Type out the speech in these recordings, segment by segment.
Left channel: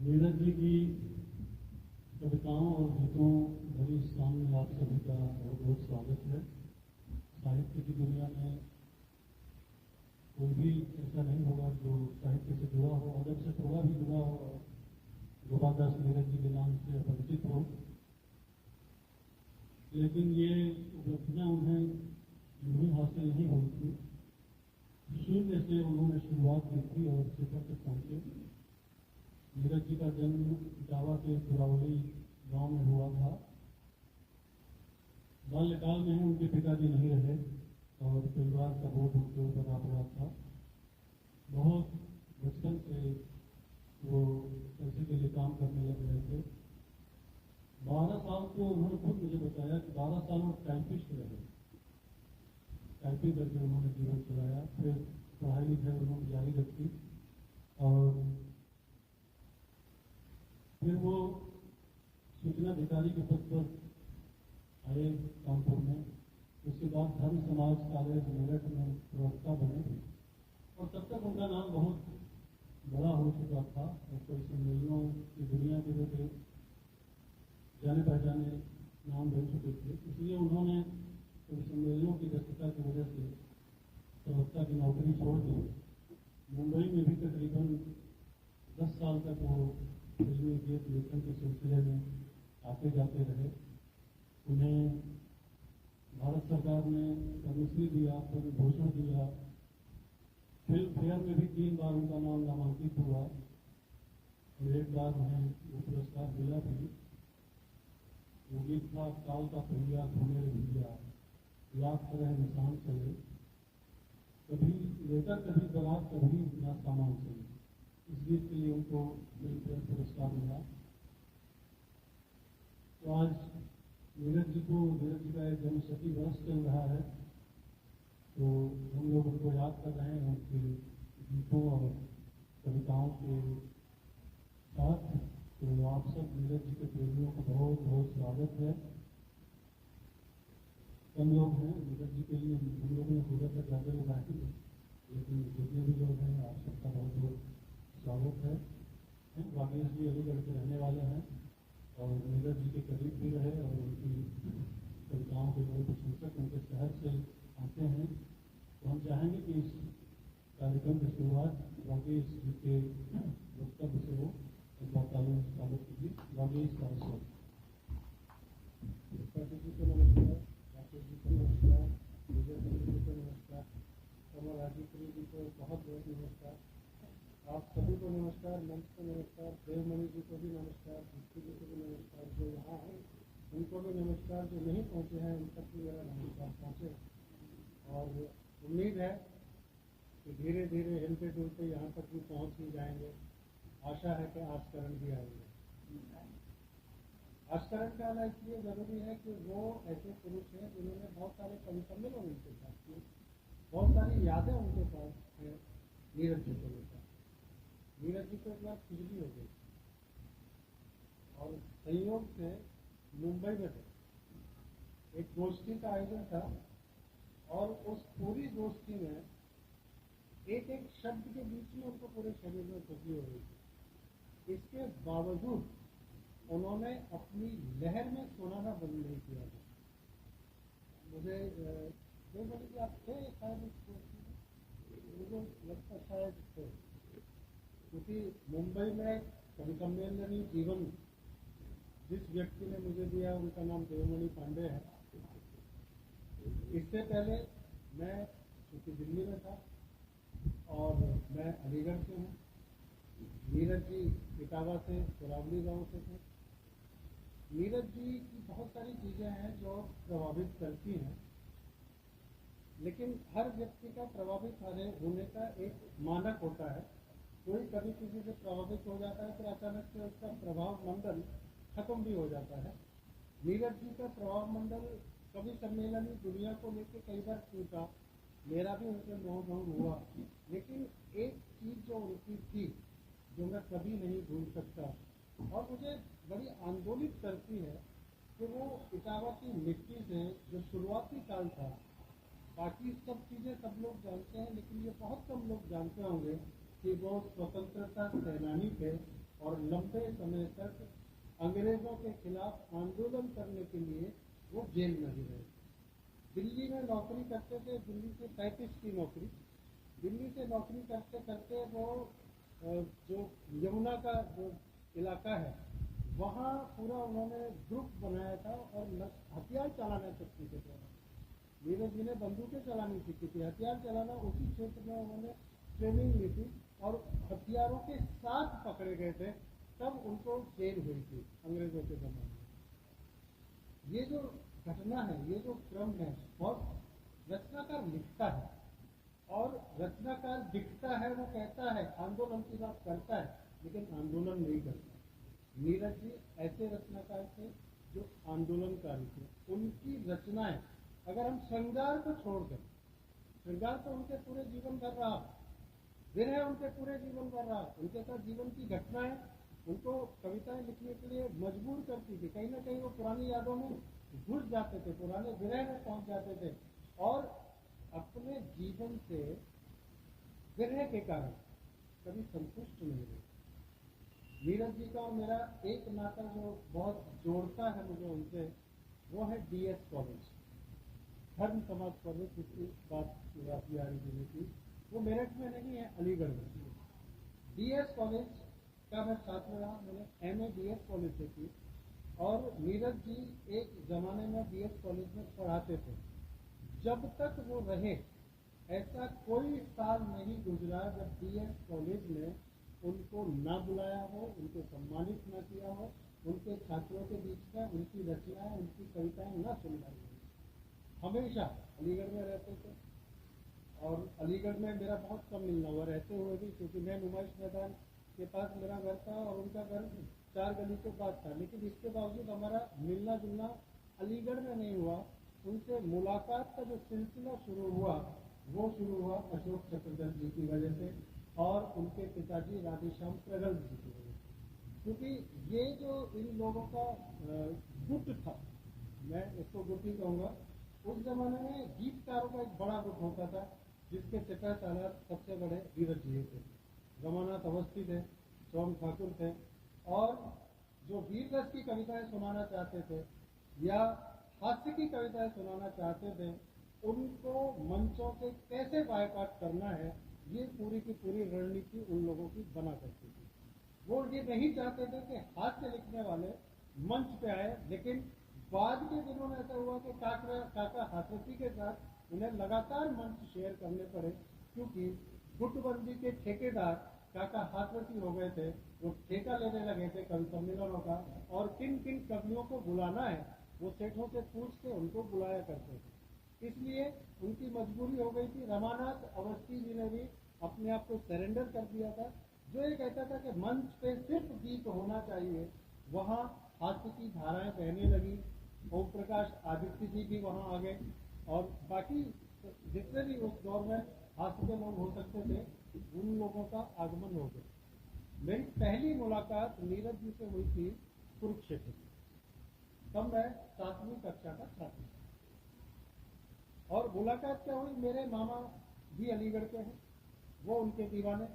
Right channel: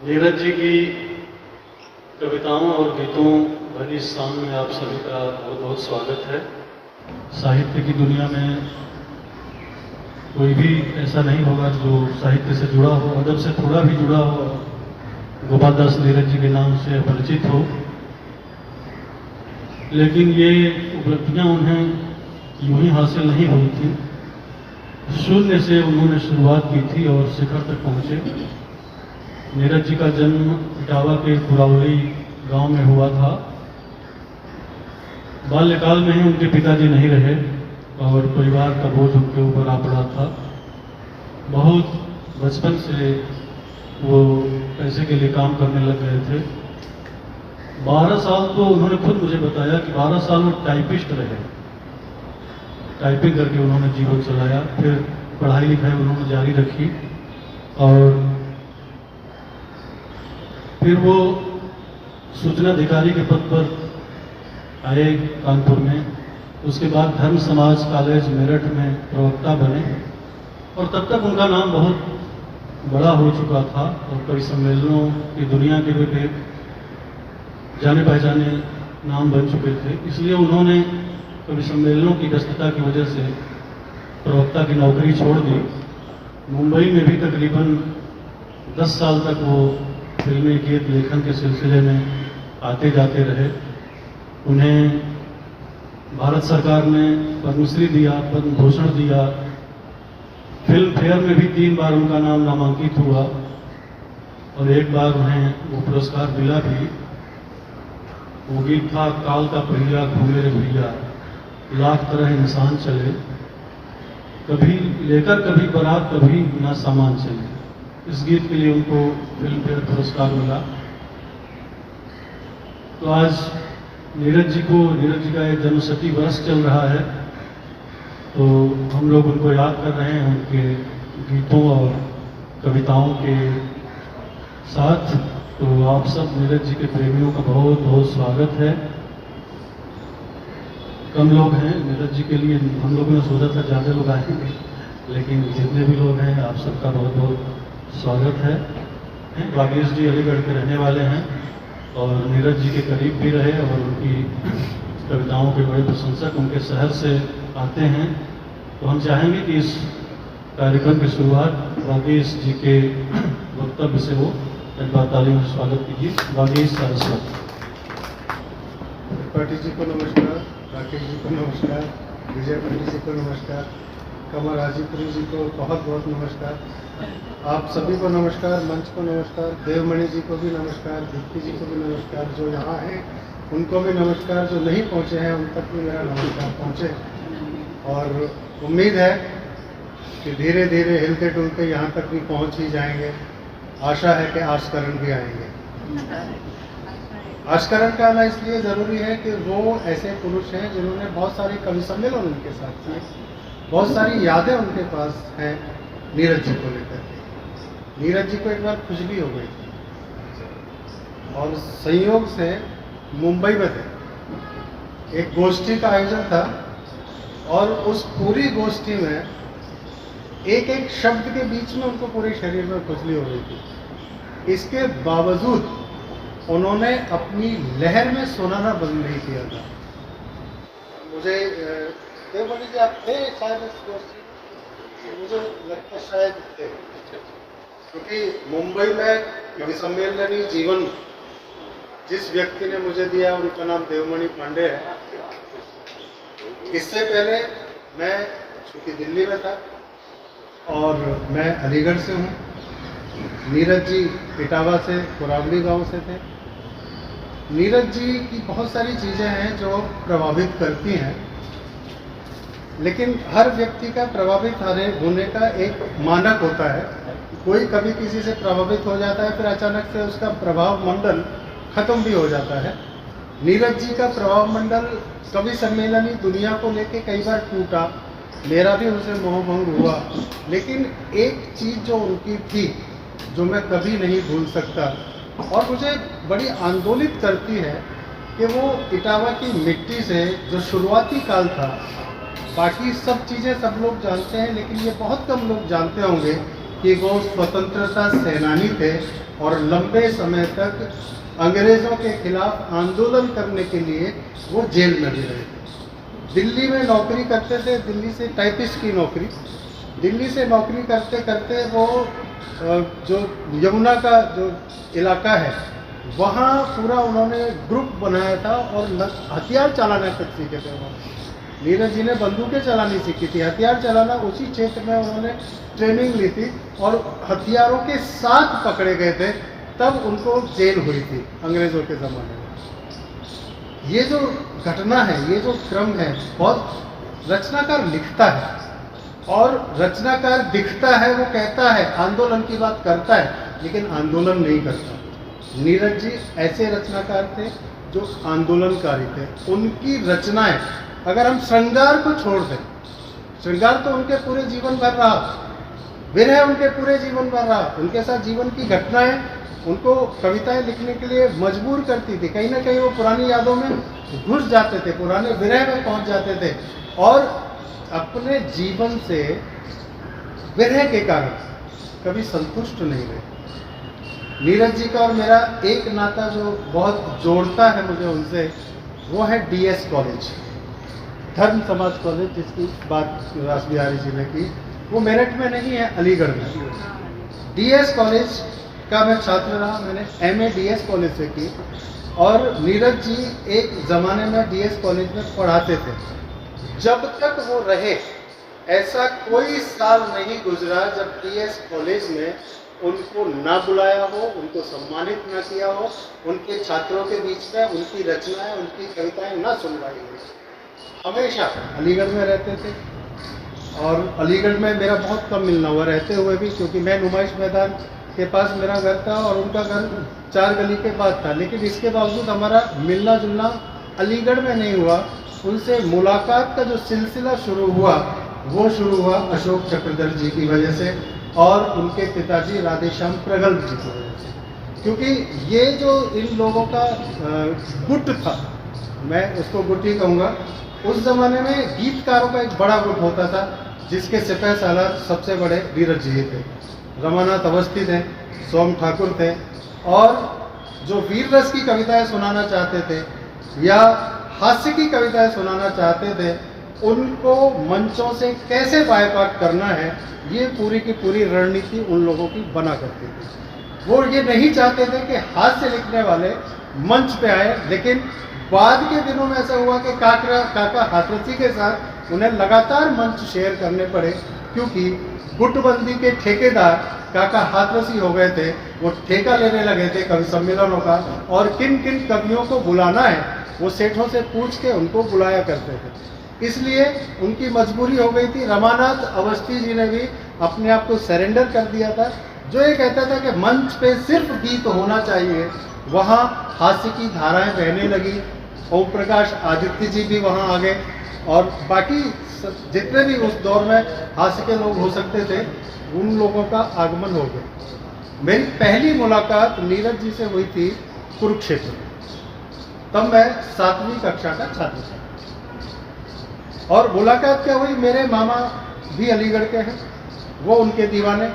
नीरज जी की कविताओं और गीतों भरी शाम में आप सभी का बहुत बहुत स्वागत है। साहित्य की दुनिया में कोई भी ऐसा नहीं होगा जो साहित्य से जुड़ा हो, अदब से थोड़ा भी जुड़ा हो, गोपाल दास नीरज जी के नाम से परिचित हो। लेकिन ये उपलब्धियां उन्हें यूं ही हासिल नहीं हुई थी। शून्य से उन्होंने शुरुआत की थी और शिखर तक पहुंचे। नीरज जी का जन्म इटावा के कुरावली गांव में हुआ था। बाल्यकाल में ही उनके पिताजी नहीं रहे और परिवार का बोझ उनके ऊपर आ पड़ा था। बहुत बचपन से वो पैसे के लिए काम करने लग गए थे। 12 साल तो उन्होंने खुद मुझे बताया कि 12 साल वो टाइपिस्ट रहे। टाइपिंग करके उन्होंने जीवन चलाया। फिर पढ़ाई लिखाई उन्होंने जारी रखी और फिर वो सूचना अधिकारी के पद पर आए कानपुर में। उसके बाद धर्म समाज कॉलेज मेरठ में प्रवक्ता बने और तब तक उनका नाम बहुत बड़ा हो चुका था और कई सम्मेलनों की दुनिया के भी जाने पहचाने नाम बन चुके थे। इसलिए उन्होंने कभी सम्मेलनों की व्यस्तता की वजह से प्रवक्ता की नौकरी छोड़ दी। मुंबई में भी तकरीबन 10 साल तक वो फिल्मी गीत लेखन के सिलसिले में आते जाते रहे। उन्हें भारत सरकार ने पद्मश्री दिया, पद्म भूषण दिया। फिल्म फेयर में भी 3 बार उनका नाम नामांकित हुआ और एक बार उन्हें वो पुरस्कार मिला भी। वो गीत था काल का पहिया घूमे रे भैया, लाख तरह इंसान चले, कभी लेकर कभी बारात कभी ना सामान चले। इस गीत के लिए उनको फिल्म फेयर पुरस्कार मिला। तो आज नीरज जी का एक जन्मशती वर्ष चल रहा है, तो हम लोग उनको याद कर रहे हैं उनके गीतों और कविताओं के साथ। तो आप सब नीरज जी के प्रेमियों का बहुत बहुत स्वागत है। कम लोग हैं नीरज जी के लिए, हम लोगों ने सोचा था ज़्यादा लोग आएंगे, लेकिन जितने भी लोग हैं आप सबका बहुत बहुत स्वागत है। वागीश जी अलीगढ़ के रहने वाले हैं और नीरज जी के करीब भी रहे और उनकी कविताओं के बड़े प्रशंसक उनके शहर से आते हैं। तो हम चाहेंगे कि इस कार्यक्रम की शुरुआत वागीश जी के वक्तव्य से हो। एक बार तालियों से स्वागत कीजिए वागीश सरस्वती। त्रिपाठी जी को नमस्कार, राकेश जी को नमस्कार, विजय पंडित जी को नमस्कार, कमल हाजीपुरी जी को बहुत बहुत नमस्कार, आप सभी को नमस्कार, मंच को नमस्कार, देवमणि जी को भी नमस्कार, दीप्ति जी को भी नमस्कार, जो यहाँ हैं उनको भी नमस्कार, जो नहीं पहुँचे हैं उन तक भी मेरा नमस्कार पहुँचे। और उम्मीद है कि धीरे धीरे हिलते डुलते यहाँ तक भी पहुँच ही जाएंगे। आशा है कि आस्करण भी आएंगे। आस्करण का आना इसलिए ज़रूरी है कि वो ऐसे पुरुष हैं जिन्होंने बहुत सारे कवि सम्मेलन उनके साथ किए, बहुत सारी यादें उनके पास हैं नीरज जी को लेकर के। नीरज जी को एक बार खुजली हो गई थी और संयोग से मुंबई में थे, एक गोष्ठी का आयोजन था और उस पूरी गोष्ठी में एक एक शब्द के बीच में उनको पूरे शरीर में खुजली हो गई थी। इसके बावजूद उन्होंने अपनी लहर में सुनाना बंद नहीं किया था। मुझे देवमणि जी आप थे शायद इस गोष्ठी, मुझे लगता है शायद थे, क्योंकि मुंबई में कवि सम्मेलनी जीवन जिस व्यक्ति ने मुझे दिया उनका नाम देवमणि पांडे है। इससे पहले मैं चूँकि दिल्ली में था और मैं अलीगढ़ से हूँ, नीरज जी इटावा से कुरावली गांव से थे। नीरज जी की बहुत सारी चीज़ें हैं जो प्रभावित करती हैं, लेकिन हर व्यक्ति का प्रभावित होने का एक मानक होता है। कोई कभी किसी से प्रभावित हो जाता है, फिर अचानक से उसका प्रभाव मंडल खत्म भी हो जाता है। नीरज जी का प्रभाव मंडल कवि सम्मेलनी दुनिया को लेके कई बार टूटा, मेरा भी उनसे मोहभंग हुआ, लेकिन एक चीज़ जो उनकी थी जो मैं कभी नहीं भूल सकता और मुझे बड़ी आंदोलित करती है कि वो इटावा की मिट्टी से जो शुरुआती काल था, बाकी सब चीज़ें सब लोग जानते हैं लेकिन ये बहुत कम लोग जानते होंगे कि वो स्वतंत्रता सेनानी थे और लंबे समय तक अंग्रेज़ों के खिलाफ आंदोलन करने के लिए वो जेल में भी रहे थे। दिल्ली में नौकरी करते थे, दिल्ली से टाइपिस्ट की नौकरी, दिल्ली से नौकरी करते करते वो जो यमुना का जो इलाका है वहाँ पूरा उन्होंने ग्रुप बनाया था और हथियार चलाना तक सीखे थे उन्होंने। नीरज जी ने बंदूकें चलानी सीखी थी, हथियार चलाना उसी क्षेत्र में उन्होंने ट्रेनिंग ली थी और हथियारों के साथ पकड़े गए थे, तब उनको जेल हुई थी अंग्रेज़ों के ज़माने में। ये जो घटना है, ये जो क्रम है, बहुत रचनाकार लिखता है और रचनाकार दिखता है, वो कहता है आंदोलन की बात करता है लेकिन आंदोलन नहीं करता। नीरज जी ऐसे रचनाकार थे जो आंदोलनकारी थे। उनकी रचनाएं, अगर हम श्रृंगार को छोड़ दें, श्रृंगार तो उनके पूरे जीवन भर रहा, विरह उनके पूरे जीवन भर रहा, उनके साथ जीवन की घटनाएं उनको कविताएं लिखने के लिए मजबूर करती थी। कहीं ना कहीं वो पुरानी यादों में घुस जाते थे, पुराने विरह में पहुंच जाते थे और अपने जीवन से विरह के कारण कभी संतुष्ट नहीं रहे। नीरज जी का और मेरा एक नाता जो बहुत जोड़ता है मुझे उनसे, वो है डीएस कॉलेज, धर्म समाज कॉलेज, जिसकी बात रास बिहारी जी ने की। वो मेरठ में नहीं है, अलीगढ़ में। डीएस कॉलेज का मैं छात्र रहा, मैंने एमए डीएस कॉलेज से की और नीरज जी एक ज़माने में डीएस कॉलेज में पढ़ाते थे। जब तक वो रहे ऐसा कोई साल नहीं गुजरा जब डीएस कॉलेज में उनको ना बुलाया हो, उनको सम्मानित ना किया हो, उनके छात्रों के बीच में उनकी रचनाएं, उनकी कविताएं ना सुनवाई हो। हमेशा अलीगढ़ में रहते थे और अलीगढ़ में मेरा बहुत कम मिलना हुआ रहते हुए भी, क्योंकि मैं नुमाइश मैदान के पास मेरा घर था और उनका घर 4 गली के बाद था, लेकिन इसके बावजूद हमारा मिलना जुलना अलीगढ़ में नहीं हुआ। उनसे मुलाकात का जो सिलसिला शुरू हुआ वो शुरू हुआ अशोक चक्रधर जी की वजह से और उनके पिताजी राधेश्याम प्रगल्भ जी की वजह से, क्योंकि ये जो इन लोगों का गुट था, मैं उसको गुट ही कहूँगा। उस जमाने में गीतकारों का एक बड़ा गुट होता था जिसके सिपह सालार सबसे बड़े नीरज जी थे, रमानाथ अवस्थी थे, सोम ठाकुर थे और जो वीर रस की कविताएं सुनाना चाहते थे या हास्य की कविताएं सुनाना चाहते थे, उनको मंचों से कैसे बायकॉट करना है, ये पूरी की पूरी रणनीति उन लोगों की बना करती थी। वो ये नहीं चाहते थे कि हास्य लिखने वाले मंच पे आए, लेकिन बाद के दिनों में ऐसा हुआ कि काका हाथरसी के साथ उन्हें लगातार मंच शेयर करने पड़े, क्योंकि गुटबंदी के ठेकेदार काका हाथरसी हो गए थे। वो ठेका लेने लगे थे कवि सम्मेलनों का और किन किन कवियों को बुलाना है वो सेठों से पूछ के उनको बुलाया करते थे। इसलिए उनकी मजबूरी हो गई थी। रमानाथ अवस्थी जी ने भी अपने आप को सरेंडर कर दिया था, जो ये कहता था कि मंच पे सिर्फ गीत होना चाहिए। वहाँ हास्य की धाराएं बहने लगी। ओम प्रकाश आदित्य जी भी वहाँ आ गए और बाकी जितने भी उस दौर में हास्य के लोग हो सकते थे उन लोगों का आगमन हो गया। मेरी पहली मुलाकात नीरज जी से हुई थी कुरुक्षेत्र में। तब मैं 7वीं कक्षा का छात्र था और मुलाकात क्या हुई, मेरे मामा भी अलीगढ़ के हैं, वो उनके दीवाने,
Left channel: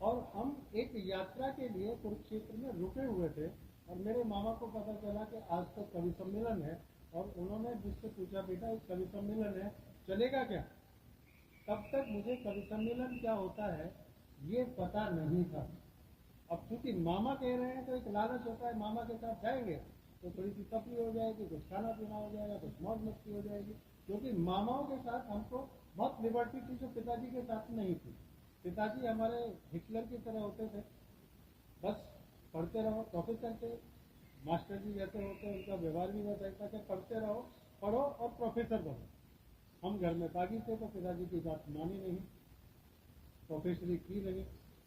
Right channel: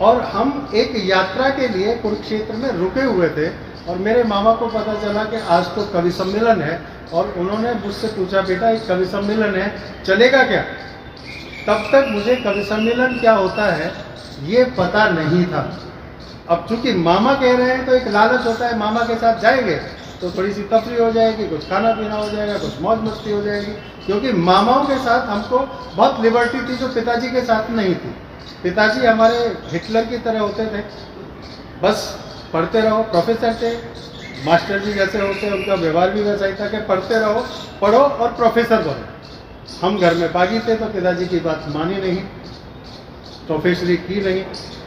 और हम एक यात्रा के लिए कुरुक्षेत्र में रुके हुए थे और मेरे मामा को पता चला कि आज तो कवि सम्मेलन है और उन्होंने मुझसे पूछा, बेटा एक कवि सम्मेलन है, चलेगा क्या? तब तक मुझे कवि सम्मेलन क्या होता है ये पता नहीं था। अब चूंकि मामा कह रहे हैं तो एक लालच होता है, मामा के साथ जाएंगे तो थोड़ी सी तफरी हो जाएगी, कुछ खाना पीना हो जाएगा, कुछ मौज मस्ती हो जाएगी, क्योंकि मामाओं के साथ हमको बहुत लिबर्टी थी जो पिताजी के साथ नहीं थी। पिताजी हमारे हिटलर की तरह होते थे, बस पढ़ते रहो, प्रोफेसर थे, मास्टर जी जैसे होते उनका व्यवहार भी वैसा ही था कि पढ़ते रहो, पढ़ो और प्रोफेसर बनो। हम घर में बागी थे तो पिताजी की बात मानी नहीं, प्रोफेसरी की नहीं,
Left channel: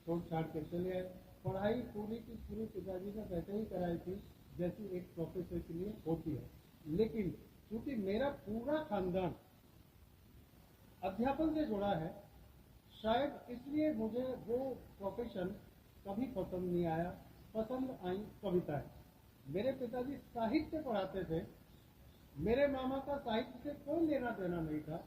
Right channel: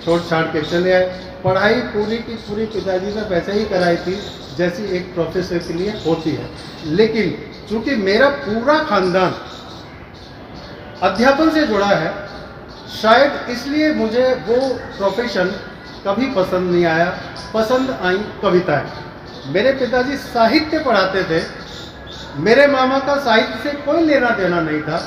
छोड़ छाड़ के चले आए। पढ़ाई पूरी की पूरी पिताजी ने वैसे ही कराई थी जैसी एक प्रोफेसर के लिए होती है, लेकिन चूंकि मेरा पूरा खानदान अध्यापन से जुड़ा है, शायद इसलिए मुझे वो प्रोफेशन कभी पसंद नहीं आया। पसंद आई कविताएं। मेरे पिताजी साहित्य पढ़ाते थे, मेरे मामा का साहित्य से कोई लेना देना नहीं था,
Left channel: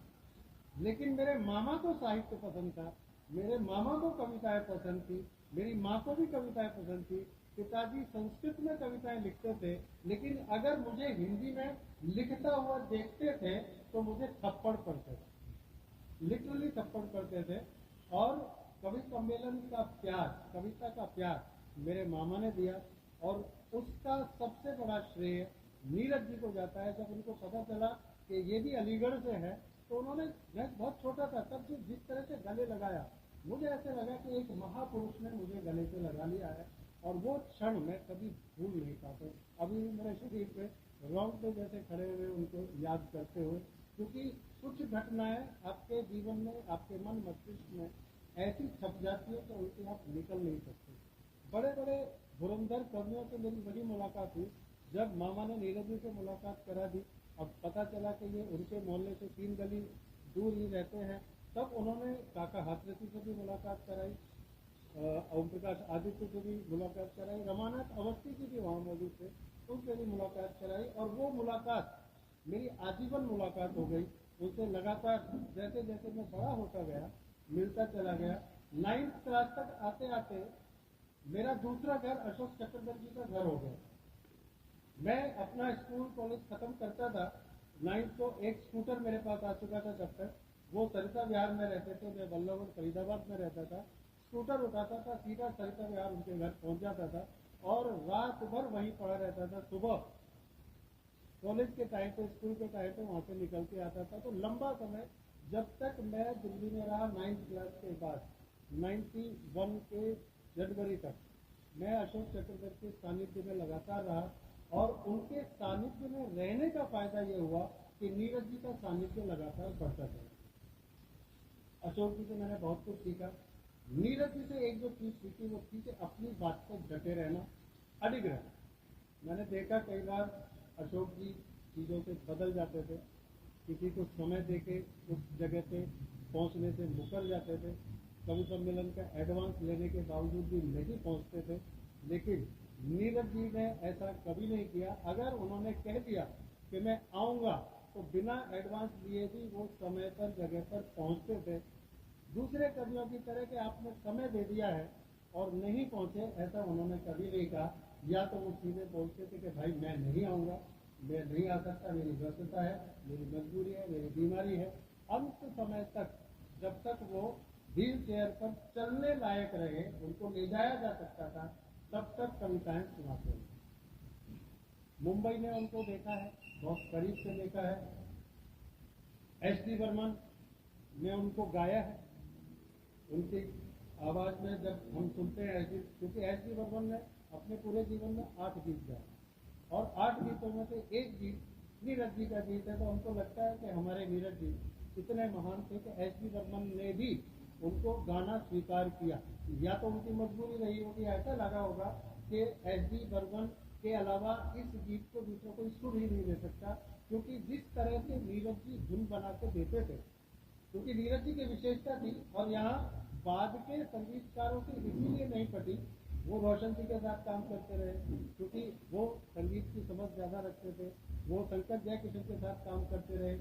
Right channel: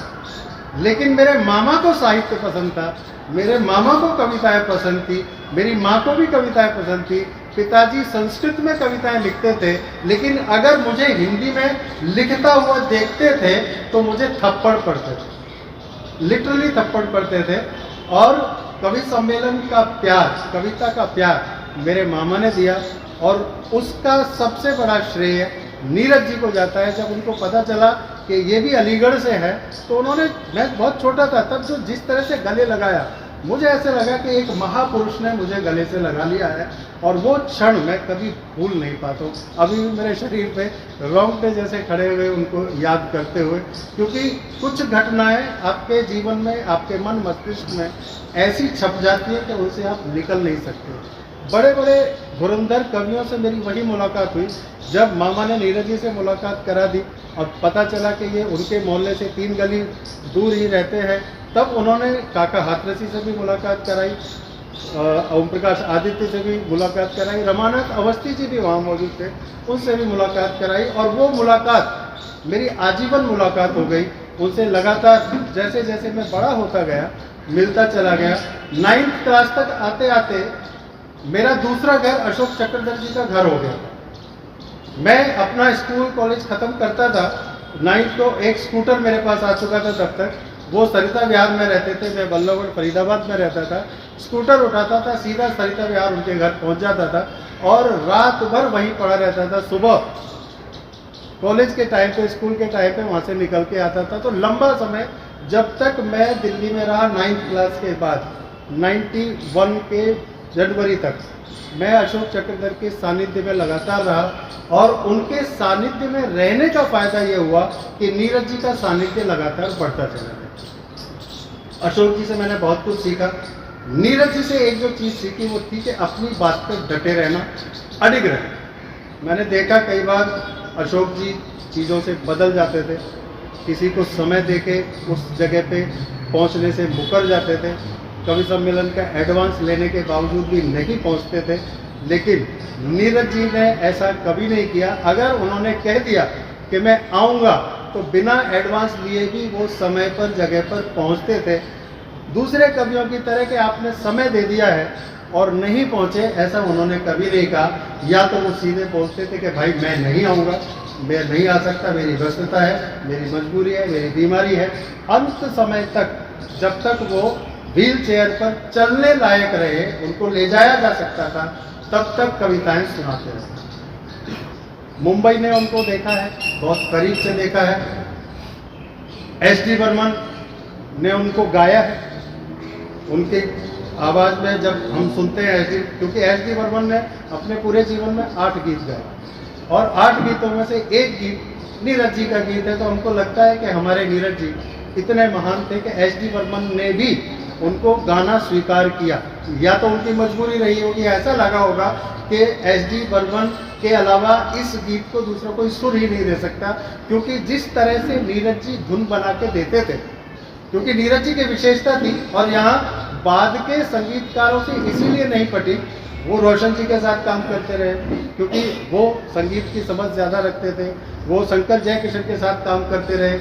लेकिन मेरे मामा को साहित्य पसंद था मेरे मामा को कविताएं पसंद थी, मेरी माँ को भी कविताएं पसंद थी। पिताजी संस्कृत में कविताएं लिखते थे, लेकिन अगर मुझे हिंदी में लिखता हुआ देखते थे तो मुझे थप्पड़ पड़ते थे, लिटरली थप्पड़ पड़ते थे। और कवि सम्मेलन का प्यार, कविता का प्यार मेरे मामा ने दिया, और उसका सबसे बड़ा श्रेय नीरज जी को जाता है। जब उनको पता चला कि ये भी अलीगढ़ से है, तो उन्होंने, मैं बहुत छोटा था तब, जो जिस तरह से गले लगाया, मुझे ऐसे लगा कि एक महापुरुष ने मुझे गले से लगा लिया है, और वो क्षण मैं कभी भूल नहीं पाता हूँ। अभी भी मेरे शरीर पे रोंगटे जैसे खड़े हुए उनको याद करते हुए, क्योंकि कुछ घटनाएं आपके जीवन में, आपके मन मस्तिष्क में ऐसी छप जाती है कि उनसे आप निकल नहीं सकते। बड़े बड़े धुरंधर कवियों से मेरी वही मुलाकात हुई जब मामा ने नीरज जी से मुलाकात करा दी, और पता चला कि ये उनके मोहल्ले से 3 गली दूर ही रहते हैं। तब उन्होंने काका हाथरसी से भी मुलाकात कराई, ओम प्रकाश आदित्य से भी मुलाकात कराई, रमानाथ अवस्थी जी भी वहाँ मौजूद थे, उनसे भी मुलाकात कराई। और वो मुलाकात मेरी आजीवन मुलाकात हो गई उनसे। लगातार जैसे जैसे मैं बड़ा होता गया, मिलता चला गया। 9th क्लास तक आते आते मेरा दूसरा घर अशोक चक्रधर जी का घर हो गया। मैं अपना स्कूल कॉलेज खत्म करता था, 9th को एक स्कूटर मेरे पास आ चुका था तब तक। वो सरिता विहार में रहते थे, मैं बल्लभगढ़ फरीदाबाद में रहता था। स्कूटर उठाता था, सीधा सरिता विहार उनके घर पहुंच जाता था, और रात भर वहीं पड़ा रहता था। सुबह कॉलेज के टाइम पे, स्कूल के टाइम पे वहाँ से निकल के आता था। तो लंबा समय, जब तक मैं दिल्ली में रहा 9th क्लास के बाद, 91 के जनवरी तक मैं अशोक चक्रधर के सानिध्य में लगातार रहा। और उनके सानिध्य में रहने का फायदा यह हुआ कि नीरज जी का सानिध्य लगातार बढ़ता चला गया। अशोक जी से मैंने बहुत कुछ सीखा। नीरज जी से एक जो चीज़ सीखी वो थी कि अपनी बात पर डटे रहना, अडिग रहना। मैंने देखा कई बार अशोक जी चीज़ों से बदल जाते थे, किसी को समय देके उस जगह पे पहुंचने से मुकर जाते थे, कवि सम्मेलन का एडवांस लेने के बावजूद भी नहीं पहुंचते थे। लेकिन नीरज जी ने ऐसा कभी नहीं किया। अगर उन्होंने कह दिया कि मैं आऊँगा, तो बिना एडवांस लिए भी वो समय पर, जगह पर पहुंचते थे। दूसरे कवियों की तरह कि आपने समय दे दिया है और नहीं पहुंचे, ऐसा उन्होंने कभी नहीं कहा। या तो वो सीधे बोलते थे कि भाई मैं नहीं आऊँगा, मैं नहीं आ सकता, मेरी व्यस्तता है, मेरी मजबूरी है, मेरी बीमारी है। अंत समय तक, जब तक वो व्हील चेयर पर चलने लायक रहे, उनको ले जाया जा सकता था, तब तक कविताएं सुनाते रहे। मुंबई में उनको देखा है, बहुत करीब से देखा है। एस.डी. बर्मन ने उनको गाया है। उनकी आवाज़ में जब हम सुनते हैं क्योंकि एस.डी. बर्मन ने अपने पूरे जीवन में 8 गीत गाए, और 8 गीतों में से एक गीत नीरज जी का गीत है। तो हमको लगता है कि हमारे नीरज जी इतने महान थे कि एस.डी. बर्मन ने भी उनको गाना स्वीकार किया। या तो उनकी मजबूरी रही होगी, ऐसा लगा होगा कि एस.डी. बर्मन के अलावा इस गीत को दूसरा कोई सुर ही नहीं दे सकता, क्योंकि जिस तरह से नीरज जी धुन बना के देते थे, क्योंकि नीरज जी की विशेषता थी। और यहाँ बाद के संगीतकारों से इसीलिए नहीं पटी, वो रोशन जी के साथ काम करते रहे, क्योंकि वो संगीत की समझ ज़्यादा रखते थे। वो शंकर जयकिशन के साथ काम करते रहे,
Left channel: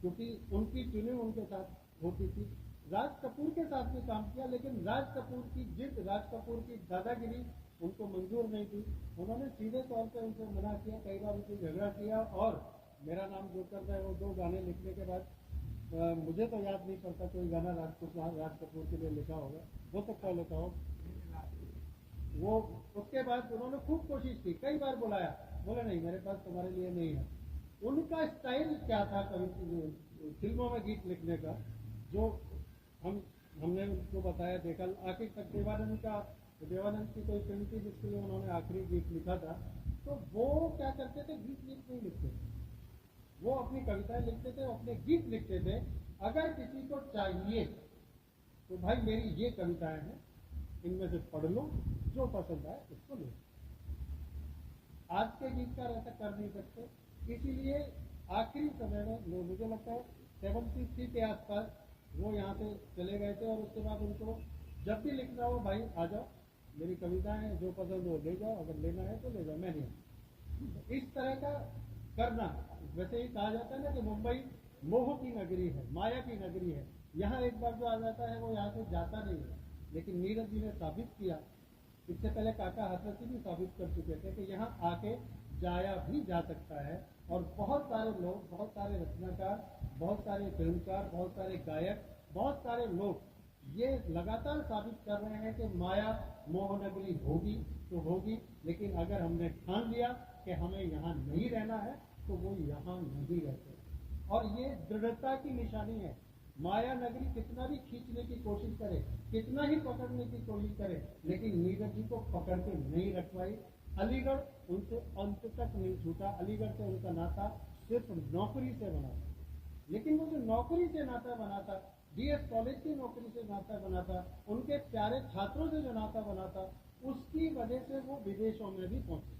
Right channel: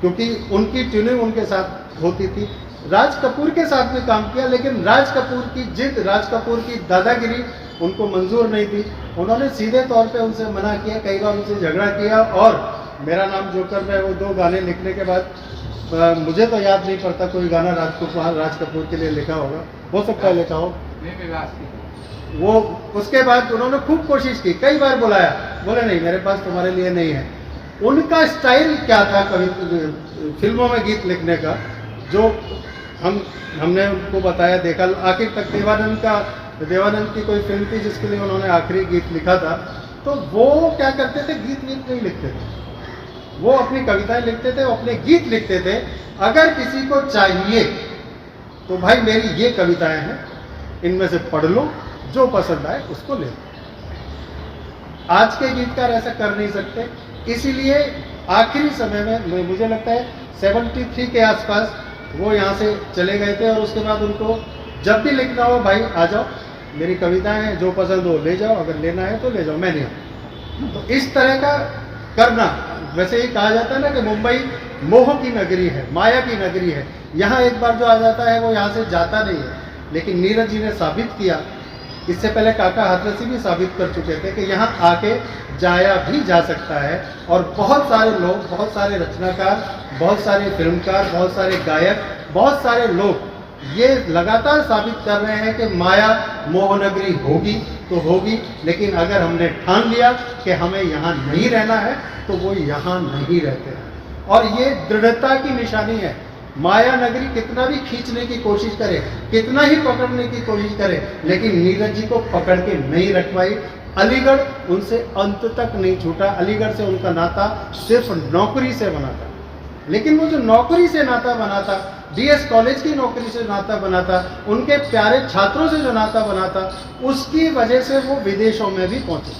क्योंकि उनकी ट्यूनिंग उनके साथ होती थी। राज कपूर के साथ भी काम किया, लेकिन राज कपूर की जिद, राज कपूर की दादागिरी उनको मंजूर नहीं थी। उन्होंने सीधे तौर पे उनसे मना किया, कई बार उनसे झगड़ा किया। और मेरा नाम जोकर में वो 2 गाने लिखने के बाद मुझे तो याद नहीं पड़ता कोई गाना राज कपूर के लिए लिखा होगा, हो सकता है लिखा हो। वो उसके बाद उन्होंने खूब कोशिश की, कई बार बुलाया, बोले नहीं मेरे पास तुम्हारे लिए नहीं है। उनका स्टाइल क्या था कवि फिल्मों में गीत लिखने का, जो हमने उनको बताया, देखा। आखिर तक देवानंद की कोई फिल्म थी जिसके लिए उन्होंने आखिरी गीत लिखा था। तो वो क्या करते थे, गीत नहीं लिखते थे, वो अपनी कविताएं लिखते थे, अपने गीत लिखते थे। अगर किसी को चाहिए तो भाई मेरी ये कविताएं हैं, इनमें से पढ़ लो, जो पसंद आए उसको ले लो। आज के गीतकार ऐसा कर नहीं सकते, इसीलिए आखिरी समय में मुझे लगता है 73 के आसपास वो यहाँ से चले गए थे। और उसके बाद उनको जब भी लिखना हो, भाई आ जाओ, मेरी कविताएं हैं, जो पसंद हो ले जाओ, अगर लेना है तो ले जाओ, मैं नहीं। तो इस तरह का करना, वैसे ही कहा जाता है ना कि मुंबई मोह की नगरी है, माया की नगरी है। यहाँ एक बार जो आ जाता है वो यहाँ से जाता नहीं है। लेकिन नीरज जी ने साबित किया, इससे पहले काका हाथरसी भी साबित कर चुके थे कि यहाँ आके जाया भी जा सकता है। और बहुत सारे लोग, बहुत सारे रचनाकार, बहुत सारे फिल्मकार, बहुत सारे गायक, बहुत सारे लोग ये लगातार साबित कर रहे हैं कि माया मोहनगरी होगी तो होगी, लेकिन अगर हमने ठान लिया कि हमें यहाँ नहीं रहना है तो वो यहाँ नहीं रहते हैं। और ये दृढ़ता की निशानी है। माया नगरी कितना भी खींचने की कोशिश करे, कितना ही पकड़ने की कोशिश करे, लेकिन नीरज जी को पकड़ के नहीं रखवाई। अलीगढ़ उनसे अंत तक नहीं छूटा। अलीगढ़ से उनका नाता सिर्फ नौकरी से बना था, लेकिन वो जो नौकरी से नाता बना था, डीएस कॉलेज की नौकरी से नाता बना था, उनके प्यारे छात्रों से जो नाता बना था, उसकी वजह से वो विदेशों में भी पहुंचे।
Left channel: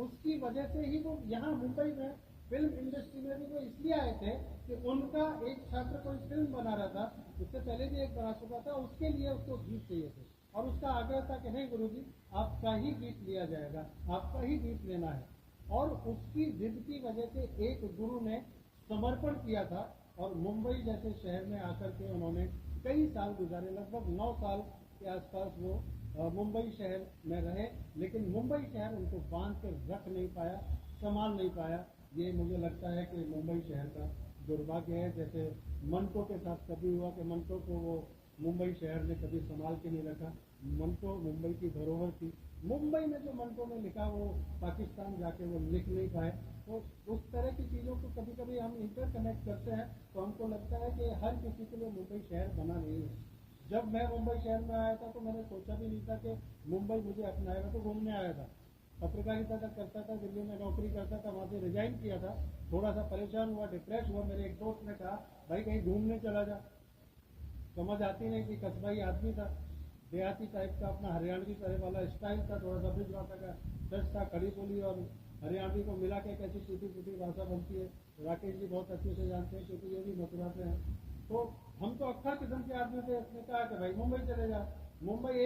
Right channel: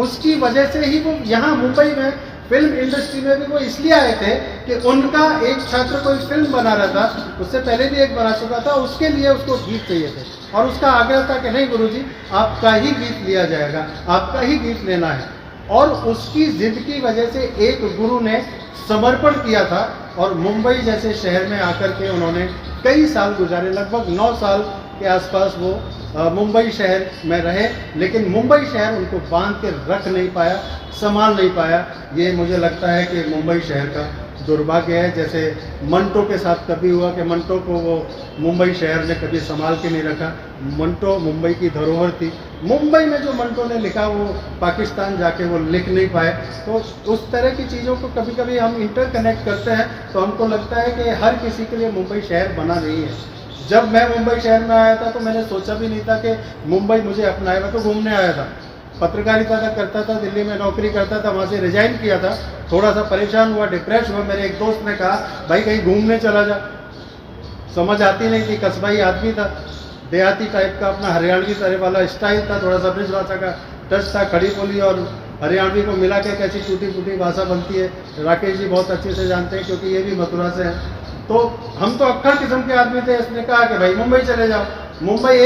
उसकी वजह से ही वो यहाँ मुंबई में फिल्म इंडस्ट्री में भी वो इसलिए आए थे कि उनका एक छात्र कोई फिल्म बना रहा था, उससे पहले भी एक बना चुका था, उसके लिए उसको गीत चाहिए थे और उसका आग्रह था कि नहीं गुरुजी, आपका ही गीत लिया जाएगा, आपका ही गीत लेना है। और उसकी जिद की वजह से एक गुरु ने समर्पण किया था और मुंबई जैसे शहर में आकर के उन्होंने कई साल गुजारे, लगभग 9 साल के आसपास वो मुंबई शहर में रहे, लेकिन मुंबई शहर उनको बांध के रख नहीं पाया, संभाल नहीं पाया। ये मुझे लगता है कि मुंबई शहर का दुर्भाग्य है। जैसे मंटो के साथ कभी हुआ कि मंटो को वो मुंबई शहर ने कभी संभाल के नहीं रखा। मंटो मुंबई की धरोहर थी। मुंबई में जो मंटो ने लिखा वो पाकिस्तान जाके वो लिख नहीं पाए। तो उस तरह की चीज़ों को कभी कभी हम इंटरकनेक्ट करते हैं तो हमको लगता है कि हर किसी के लिए मुंबई शहर बना नहीं है। जब मैं मुंबई शहर में आया था तो मैंने सोचा भी नहीं था कि मुंबई मुझे अपनाए। मैं तो घूमने आया था, पत्रकारिता का करता था, दिल्ली में नौकरी करता था, वहाँ से रिजाइन किया था, थोड़ा सा परेशान हुआ, डिप्रेस हुआ। मेरे एक दोस्त ने कहा भाई कहीं घूमने चला जा। समझ आती नहीं थी, कस्बाई आदमी था, देहाती टाइप का, अपना हरियाणवी तरह वाला स्टाइल था, थोड़ा सा ब्रिज भाषा का टच था, खड़ी बोली और हरियाणवी को मिला के कैसी टूटी फूटी भाषा बनती है, राकेश जी बहुत अच्छे से जानते हैं क्योंकि ये भी मथुरा से हैं। तो हम तो अक्खड़ किस्म के आदमी थे। इसने कहा कि भाई मुंबई चले जाओ। मुंबई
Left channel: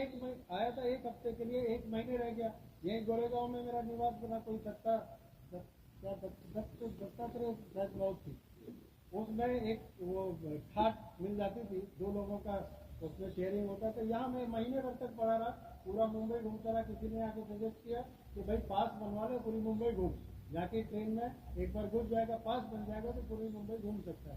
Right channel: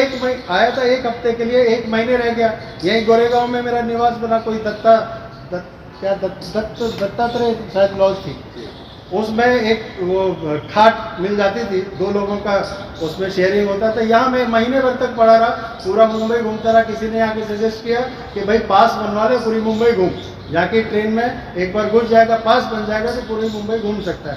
आया था 1 हफ्ते के लिए, 1 महीने रह गया। यहीं गोरेगांव में मेरा निवास बना, कोई दत्तात्रेय शायद लॉज थी, उसमें एक वो खाट मिल जाती थी, 2 लोगों का उसमें शेयरिंग होता था। यहाँ मैं महीने भर तक पड़ा रहा, पूरा मुंबई घूमता रहा। किसी ने आके सजेस्ट किया कि भाई पास बनवा ले, पूरी मुंबई घूम, जाके ट्रेन में एक बार घुस जाएगा, पास बन जाएगा तो पूरी मुंबई घूम सकता है।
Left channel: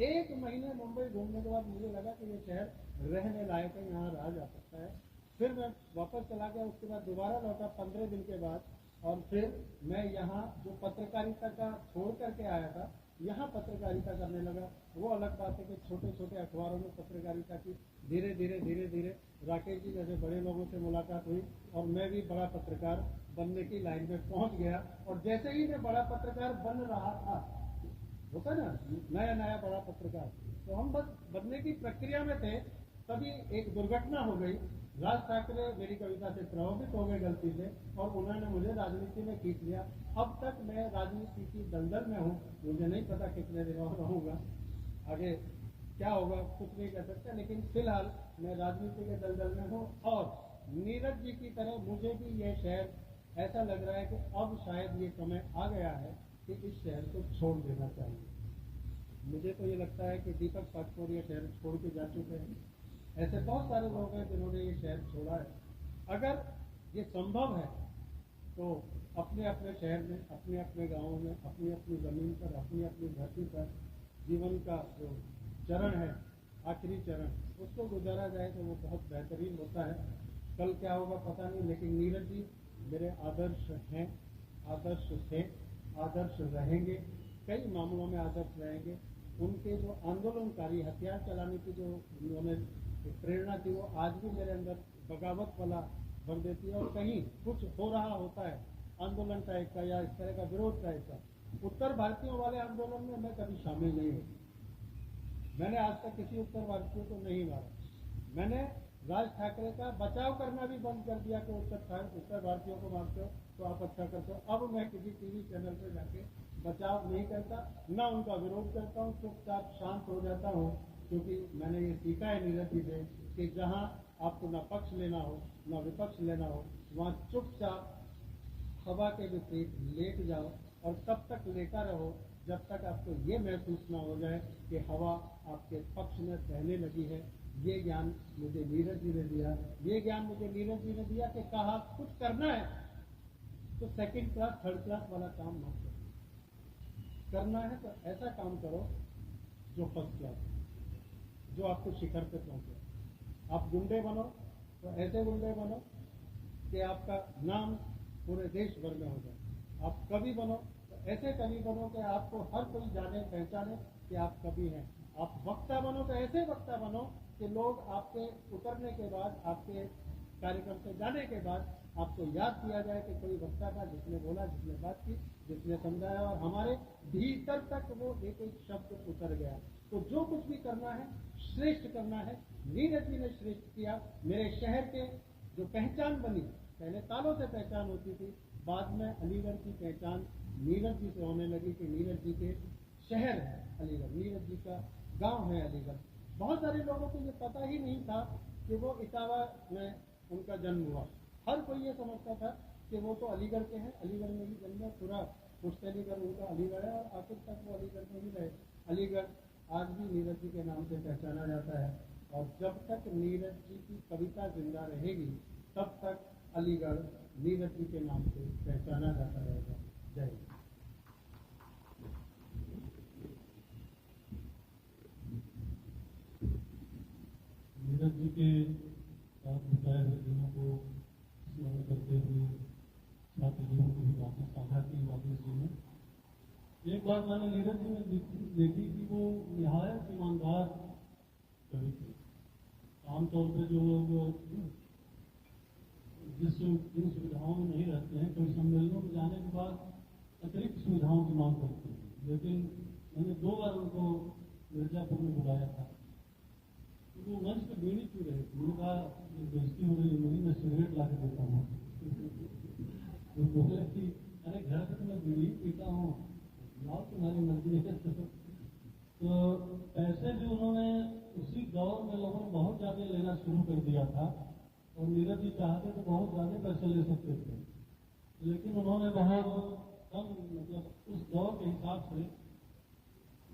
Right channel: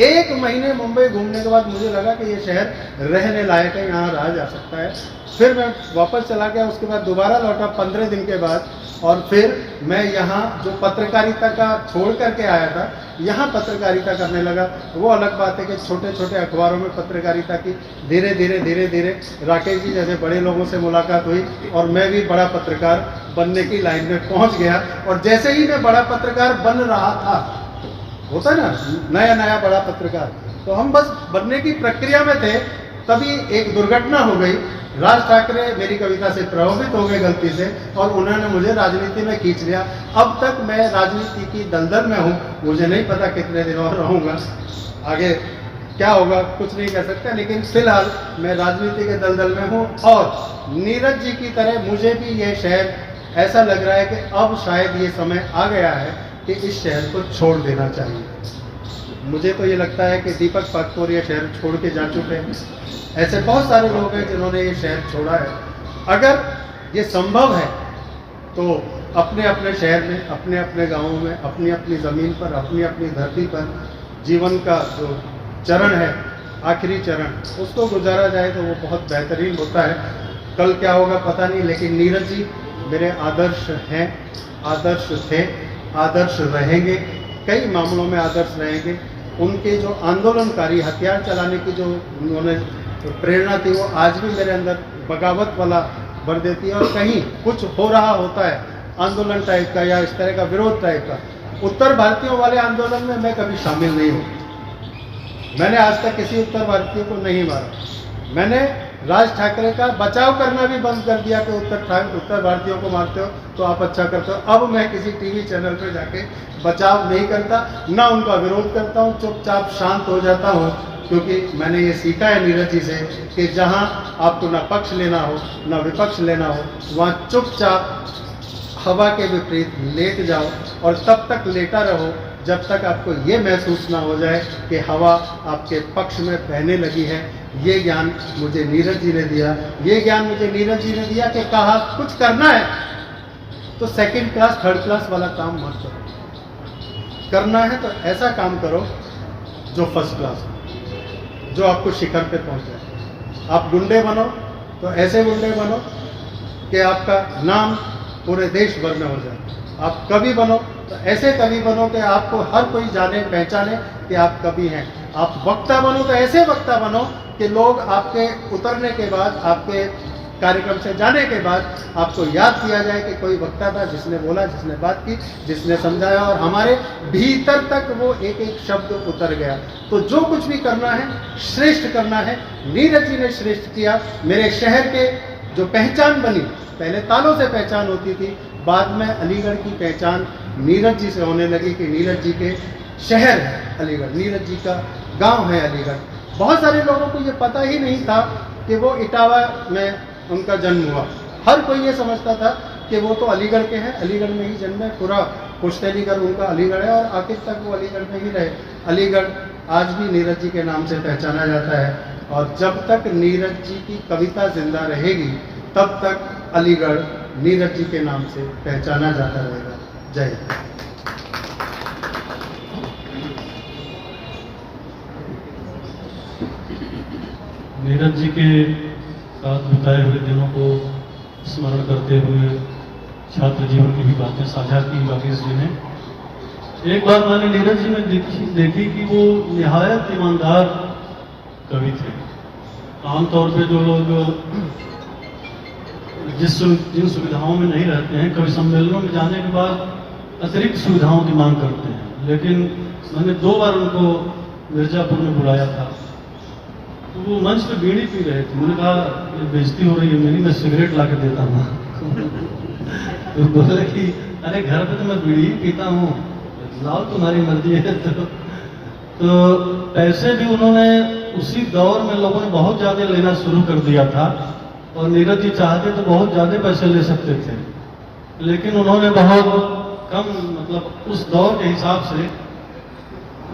1 महीने मुंबई घूमने के बाद मुझे लगा कि ये शहर रहने लायक है, यहाँ रहा जा सकता है। फिर मैं वापस चला गया, उसके बाद दोबारा लौटा 15 दिन के बाद, और फिर मैं यहाँ जो पत्रकारिता का छोड़ करके आया था, यहाँ पत्रकारिता करने लगा। वो अलग बात है कि छोटे छोटे अखबारों में पत्रकारिता की धीरे धीरे राकेश जी जैसे बड़े लोगों से मुलाकात हुई और मैं भी बड़ा पत्रकार बनने की लाइन में पहुँच गया। और जैसे ही मैं बड़ा पत्रकार बन रहा था, होता है ना नया नया बड़ा पत्रकार, तो हम बस बनने की प्रक्रिया में थे, तभी एक दुर्घटना हो गई। राज ठाकरे मेरी कविता से प्रभावित हो गए गलती से और उन्होंने मुझे राजनीति में खींच लिया। अब तक मैं राजनीति की दलदल में हूँ, मुझे नहीं पता कितने दिन और रहूँगा, आगे क्या होगा कुछ नहीं कह सकता, लेकिन फिलहाल मैं राजनीति के दलदल में हूँ। और नीरज जी की तरह मुझे भी ये शहर ऐसा लग रहा है कि अब शायद ये समय आ गया है कि इस शहर को छोड़ देना चाहिए। मुझे तो ये लगता है कि दीपक पादुकोण ये शहर छोड़ के जा चुके हैं। ऐसे बहुत सारे लोग हैं जिन्होंने ये शहर छोड़ा है। अगर ये संभव है तो अपने अपने शहर में, अपने अपने गाँवों में, अपनी अपनी ज़मीन पर, अपनी अपनी धरती पर जीवन का जो चरण है, आखिरी चरण, उसको गुजारा जाए तो वो बहुत बेहतरीन होता है। कल क्या होगा पता नहीं, लेकिन नीरज जी मेरे आदर्श हैं, आदर्श थे, आदर्श रहेंगे, कई मामलों में आदर्श रहेंगे। उनके जो आंदोलनकारी हथियार चलाने की जो उन्होंने प्रेरणा थी वो आज भी मेरे अंदर बगावत वाला भर देती है। और कहीं कुछ हो रहा होता है आंदोलन टाइप का या इस तरह का विरोध टाइप का, उत्तर भारतीयों वाले आंदोलन में मैं कभी शामिल नहीं हूँ। मैंने आज तक किसी उत्तर भारतीय को नहीं मारा। मैंने राज ठाकरे का बचाव करना भी बंद कर दिया कि उत्तर भारतीयों को मारते हो तो आप अच्छा करते हो। अब मैं किसी टीवी चैनल पर जाके बचाव नहीं करता, ना उनका विरोध करता हूँ, चुपचाप शांत हो जाता हूँ, क्योंकि मैंने ये सीखा है नीरज जी से कि जहाँ आपको ना पक्ष लेना हो ना विपक्ष लेना हो, वहाँ चुपचाप हवा के विपरीत लेट जाओ और तब तक लेटा रहो जब तक आपको ये महसूस ना हो जाए कि हवा आपके पक्ष में बहने लगी है। ये ज्ञान मुझे नीरज जी ने दिया, ये ज्ञान मुझे नीरज जी ने दिया कि कहा कुछ करना है तो सेकंड क्लास थर्ड क्लास वाला काम मत करो, करना है तो ऐसा काम करो जो फर्स्ट क्लास हो, जो आपको शिखर पे पहुंचाए। आप गुंडे बनो तो ऐसे गुंडे बनो कि आपका नाम पूरे देश भर में हो जाए। आप कवि बनो तो ऐसे कवि बनो कि आपको हर कोई जाने पहचाने कि आप कवि हैं। आप वक्ता बनो तो ऐसे वक्ता बनो कि लोग आपके उतरने के बाद, आपके कार्यक्रम से जाने के बाद आपको याद किया जाए कि कोई वक्ता था जिसने बोला, जिसने बात की, जिसने समझाया और हमारे भीतर तक वो एक एक शब्द उतर गया। तो जो कुछ भी करना है श्रेष्ठ करना है। नीरज जी ने श्रेष्ठ किया। मेरे शहर के जो पहचान बनी, पहले तालों से पहचान होती थी, बाद में अलीगढ़ की पहचान नीरज जी से होने लगी कि नीरज जी के शहर है अलीगढ़, नीरज जी का गांव है अलीगढ़। बहुत सारे लोगों को ये पता ही नहीं था कि वो इटावा में उनका जन्म हुआ। हर कोई ये समझता था कि वो तो अलीगढ़ के हैं, अलीगढ़ में ही जन्म है, पूरा पुश्त अलीगढ़ उनका अलीगढ़ है और आखिर तक वो अलीगढ़ में ही रहे। अलीगढ़ आज भी नीरज जी के नाम से पहचाना जाता है और जब तक नीरज जी की कविता जिंदा रहेगी तब तक अलीगढ़ नीरज जी के नाम से पहचाना जाता रहेगा। जय हिंद। नीरज जी के साथ बिताए हुए दिनों को स्मरण करते हुए छात्र जीवन की भी बातें साझा की राकेश जी ने। एक बार मैंने नीरज जी में देखी कि वो निहायत ईमानदार कवि थे। आमतौर पे जो लोग जिन सुविधाओं में नहीं रहते हैं, कवि सम्मेलनों में जाने के बाद अतिरिक्त सुविधाओं की मांग करते हैं। लेकिन मैंने 2 बार उनको मिर्जापुर में बुलाया था, तो वो मंच पे बीड़ी पी रहे थे। मैंने कहा ये बेइज्जती हो रही है मेरी, मैं सिगरेट ला के देता हूँ। तो बोले कि अरे घर पे तो मैं बीड़ी ही पीता हूँ, लाओ तुम्हारी मर्जी है। तो पैसे भी उन्होंने उसी दौर में लोगों ने बहुत ज़्यादा लेना शुरू कर दिया था और नीरज जी चाहते तो बहुत ज़्यादा पैसे ले सकते थे, लेकिन उन्होंने बहुत कम, मतलब उस दौर के हिसाब से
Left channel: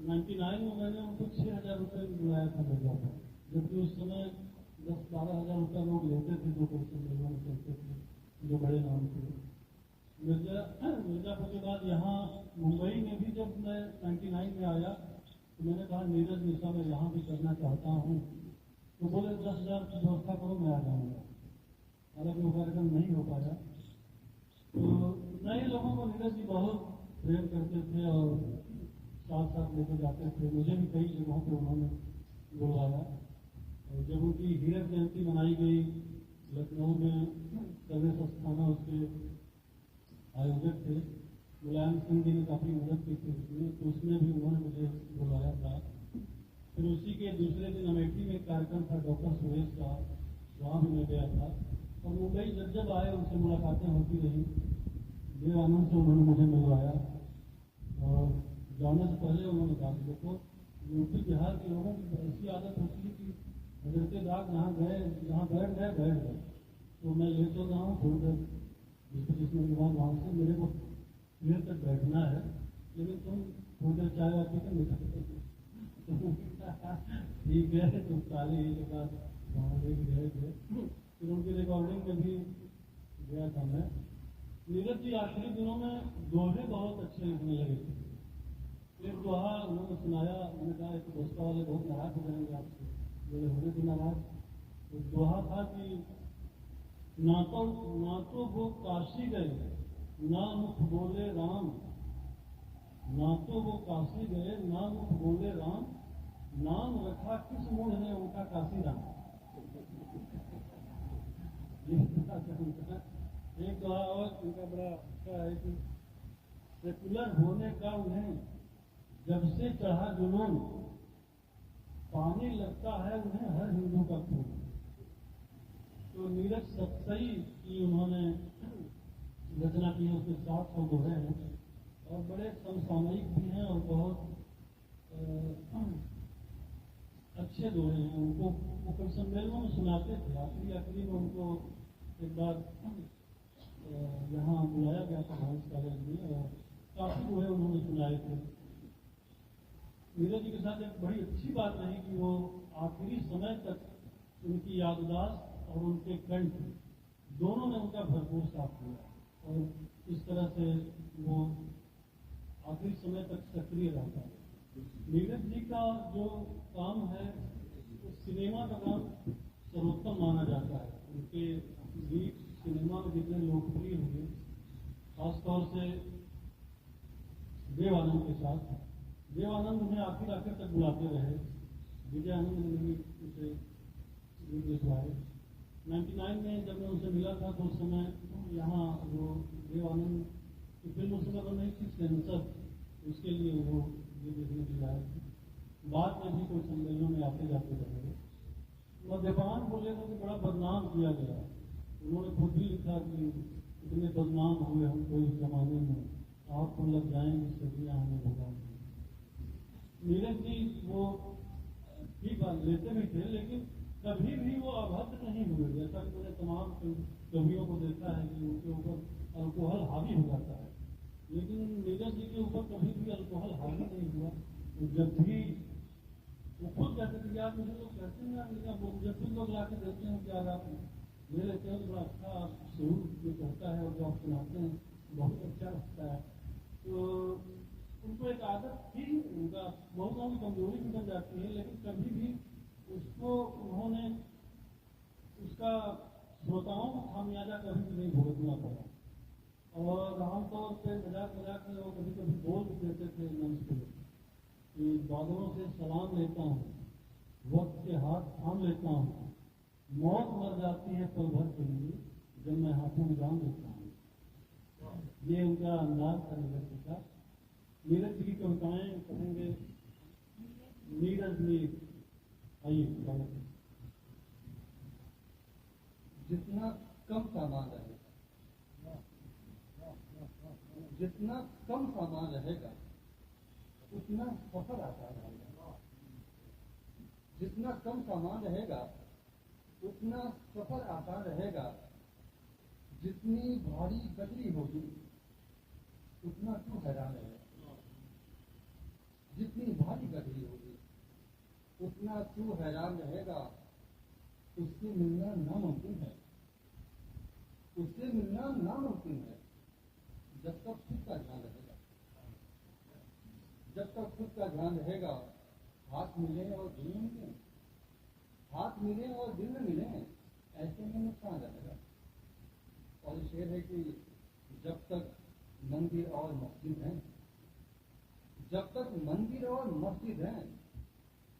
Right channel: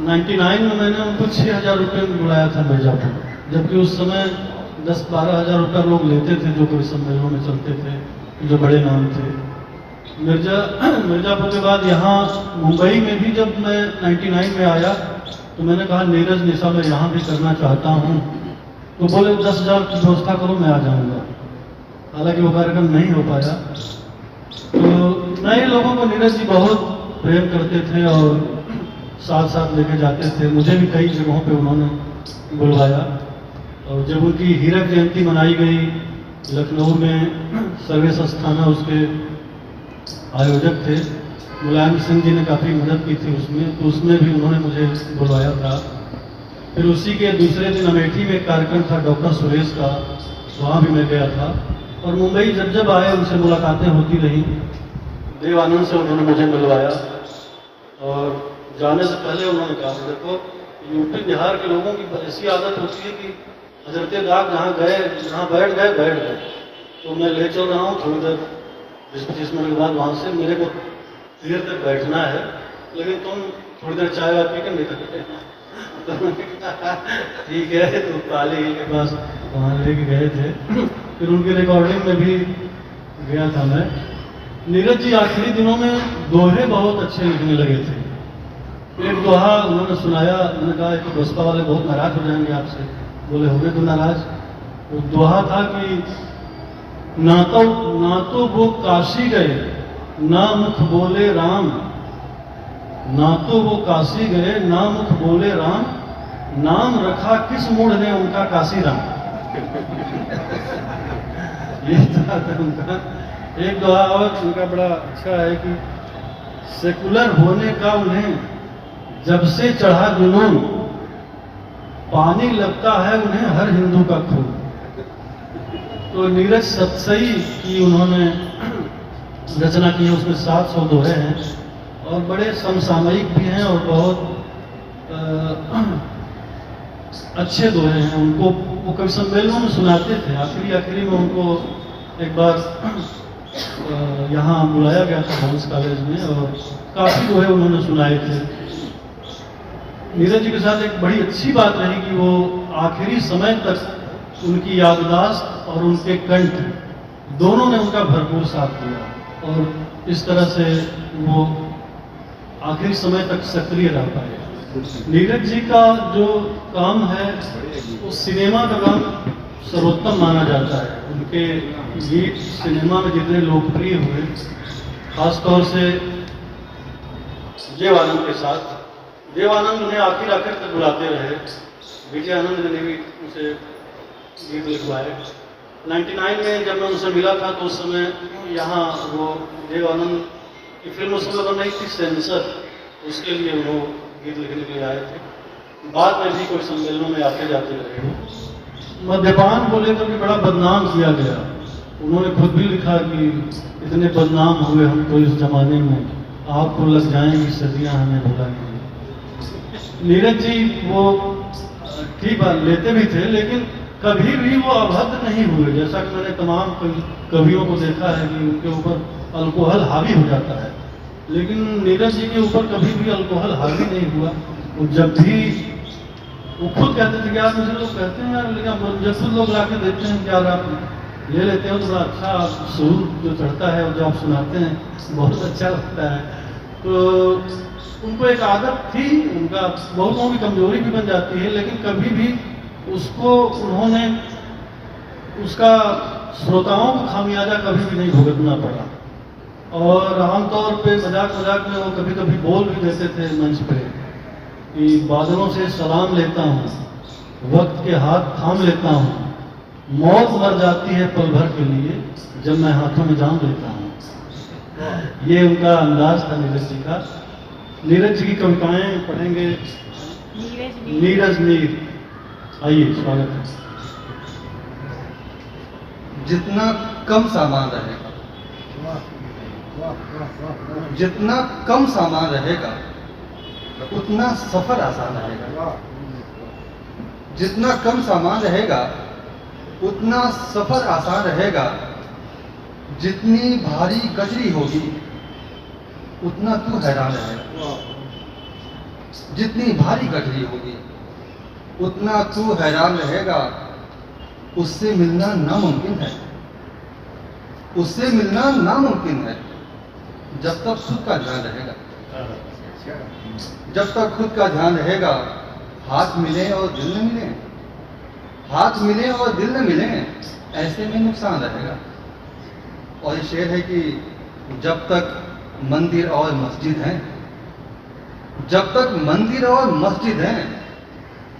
99 में मैंने उनको 6,000 रुपये में बुलाया था मिर्जापुर, जबकि उस समय 10-12 हज़ार रुपये लोग लेते थे जो कवि सम्मेलनों में चलते थे, जो बड़े नाम थे। मिर्जापुर के बाद यहाँ मुंबई में भी जब मैं 99 में आया तो मैंने कहा नीरज निशा मैं यहाँ भी करना चाहता हूँ। तो बोले 10,000 की व्यवस्था करो, मैं आ जाऊँगा। हालांकि वो कार्यक्रम नहीं हो पाया। तो नए लोगों को नीरज जी बहुत प्रेम करते थे और साथ साथ लेके जाते थे। मुझे भी कई जगहों पे उन्होंने बुलवाया और जब उनकी हीरक जयंती मनाई गई लखनऊ में, सर्वेश अस्थाना उसके आयोजक थे, मुलायम सिंह जी ने काफ़ी मदद की थी उसमें, तो उसमें भी उन्होंने मुझे बुलवाया था। फिर उसी के दूसरे दिन अमेठी में एक कार्यक्रम था डॉक्टर सुरेश का, वहाँ भी मैं गया था। और मुंबई जब जब आए उनसे मुलाकातें होती रही। देवानंद से उन्होंने मुझे मिलवाया और जाने से पहले उन्होंने कहा देखो यूपी बिहार के लोगों की ऐसी आदत होती है कि हजरत दाग जहाँ गए, जहाँ बैठ गए। तो मैं ले चल रहा हूँ थोड़ी देर, 20-25 मिनट के बाद वहाँ से मेरे को देर तक बैठना है, लेकिन तुम थोड़ी देर चाय वाय पी के निकल। ठीक है, तो काली के पास वहाँ लेके गए थे। फिर उनकी रिकॉर्डिंग में भी गया था मैं। नीरज जी आखिरी दिनों में दोहे बहुत अच्छे लिखने लगे थे। एक दोहा उन्होंने सुनाया, मैंने कहा कि बसपा वाले बहुत नाराज हो जाएंगे आपसे। बोले हो गए तो नाराज। वो दोहा था कि ना तो वो काशी गए ना मुख बोले राम, ना तो वो काशी गए ना मुख बोले राम, नाम रखा किस मूढ़ ने उनका काशी राम। ये था उनका। एक दोहा और उनका बड़ा अच्छा है कि सेकुलर होने का उन्हें जब से चढ़ा जुनून, पानी लगता है उन्हें हर हिंदू का खून। तो नीरज सतसई की उन्होंने रचना की है, उसमें 700 दोहे हैं और बड़े समसामयिक भी हैं और बहुत अच्छे दोहे हैं। उनको वो कवि सम्मेलनों में सुनाते थे। आखिरी में उनको एक बार यहाँ बुलाया गया था हंस कॉलेज में और काफ़ी दोहे उन्होंने सुनाए थे। नीरज जी के साथ एक बड़ी अच्छी बात रही कि वो आखिरी समय तक उनकी याददाश्त और उनके कंठ दोनों ने उनका भरपूर साथ दिया और इस तरह से वो आखिरी समय तक सक्रिय रह पाए। नीरज जी का जो काम है वो सिनेमा का काम सर्वोत्तम माना जाता है। उनके गीत सिनेमा में जितने लोकप्रिय हुए, खासतौर से देव आनंद के साथ, देव आनंद उन्हें आखिर तक बुलाते रहे। विजय आनंद ने भी उनसे गीत लिखवाए। 99 में जब मैं उनसे मिला था तो उस समय यहाँ वो देव आनंद की फिल्म उस समय बन रही थी सेंसर, उसके लिए वो गीत लिखने के लिए आए थे। बाद में भी कोई सम्मेलनों में आते जाते रहे। मद्यपान को लेकर भी बड़ा बदनाम किया गया। उन्होंने खुद भी लिखा कि इतने बदनाम हुए हम तो इस जमाने में, आपको लग जाएंगी सदियां हमें भुलाएंगी। नीरज जी वो ठीक बात लेते भी थे, लेकिन कभी भी वो अभद्र नहीं हुए। जैसा कि मैंने तमाम कवियों को देखा है कि उनके ऊपर अल्कोहल हावी हो जाता है, लेकिन नीरज जी के ऊपर कभी भी अल्कोहल हावी नहीं हुआ। वो जब भी वो खुद कहते थे कि यार मुझे लोग कहते हैं यार, लेकिन जब खुद लोग ला के देते हैं कि यार आप ले लेते हो तो बड़ा अच्छा सुर जो चढ़ता है और जो आप सुनाते हैं बहुत अच्छा लगता है। तो उनको एक आदत थी, उनका बहुतों की कमजोरी भी बन जाती है, लेकिन कभी भी उसको उन्होंने उसका श्रोताओं को खामियाजा कभी भी नहीं भुगतना पड़ा। और आमतौर पे मजाक मजाक में वो कभी कभी बोल भी देते थे मंच पे कि बादलों से सलाम लेता हूँ, वक्त के हाथ थाम लेता हूँ, मौत मर जाती है पल भर के लिए जब मैं हाथों में जाम लेता हूँ। ये उनका अंदाज था नीरज जी का। नीरज जी की कविताएं पढ़ेंगे नीरज नीर। आइए, स्वागत है। जितना कम सामान रहेगा, जितना कम सामान रहेगा उतना सफर आसान रहेगा। जितना कम सामान रहेगा उतना सफर आसान रहेगा। जितनी भारी गजरी होगी उतना तू हैरान रहेगा। जितनी भारी गजरी होगी उतना तू हैरान रहेगा। उससे मिलना नामुमकिन है, उससे मिलना नामुमकिन है जब तक खुद का ध्यान रहेगा। जब तक खुद का ध्यान रहेगा, हाथ मिले और दिल न मिले, हाथ मिले और दिल न मिले, ऐसे में नुकसान रहेगा। और ये शेर है कि जब तक मंदिर और मस्जिद हैं, जब तक मंदिर और मस्जिद हैं,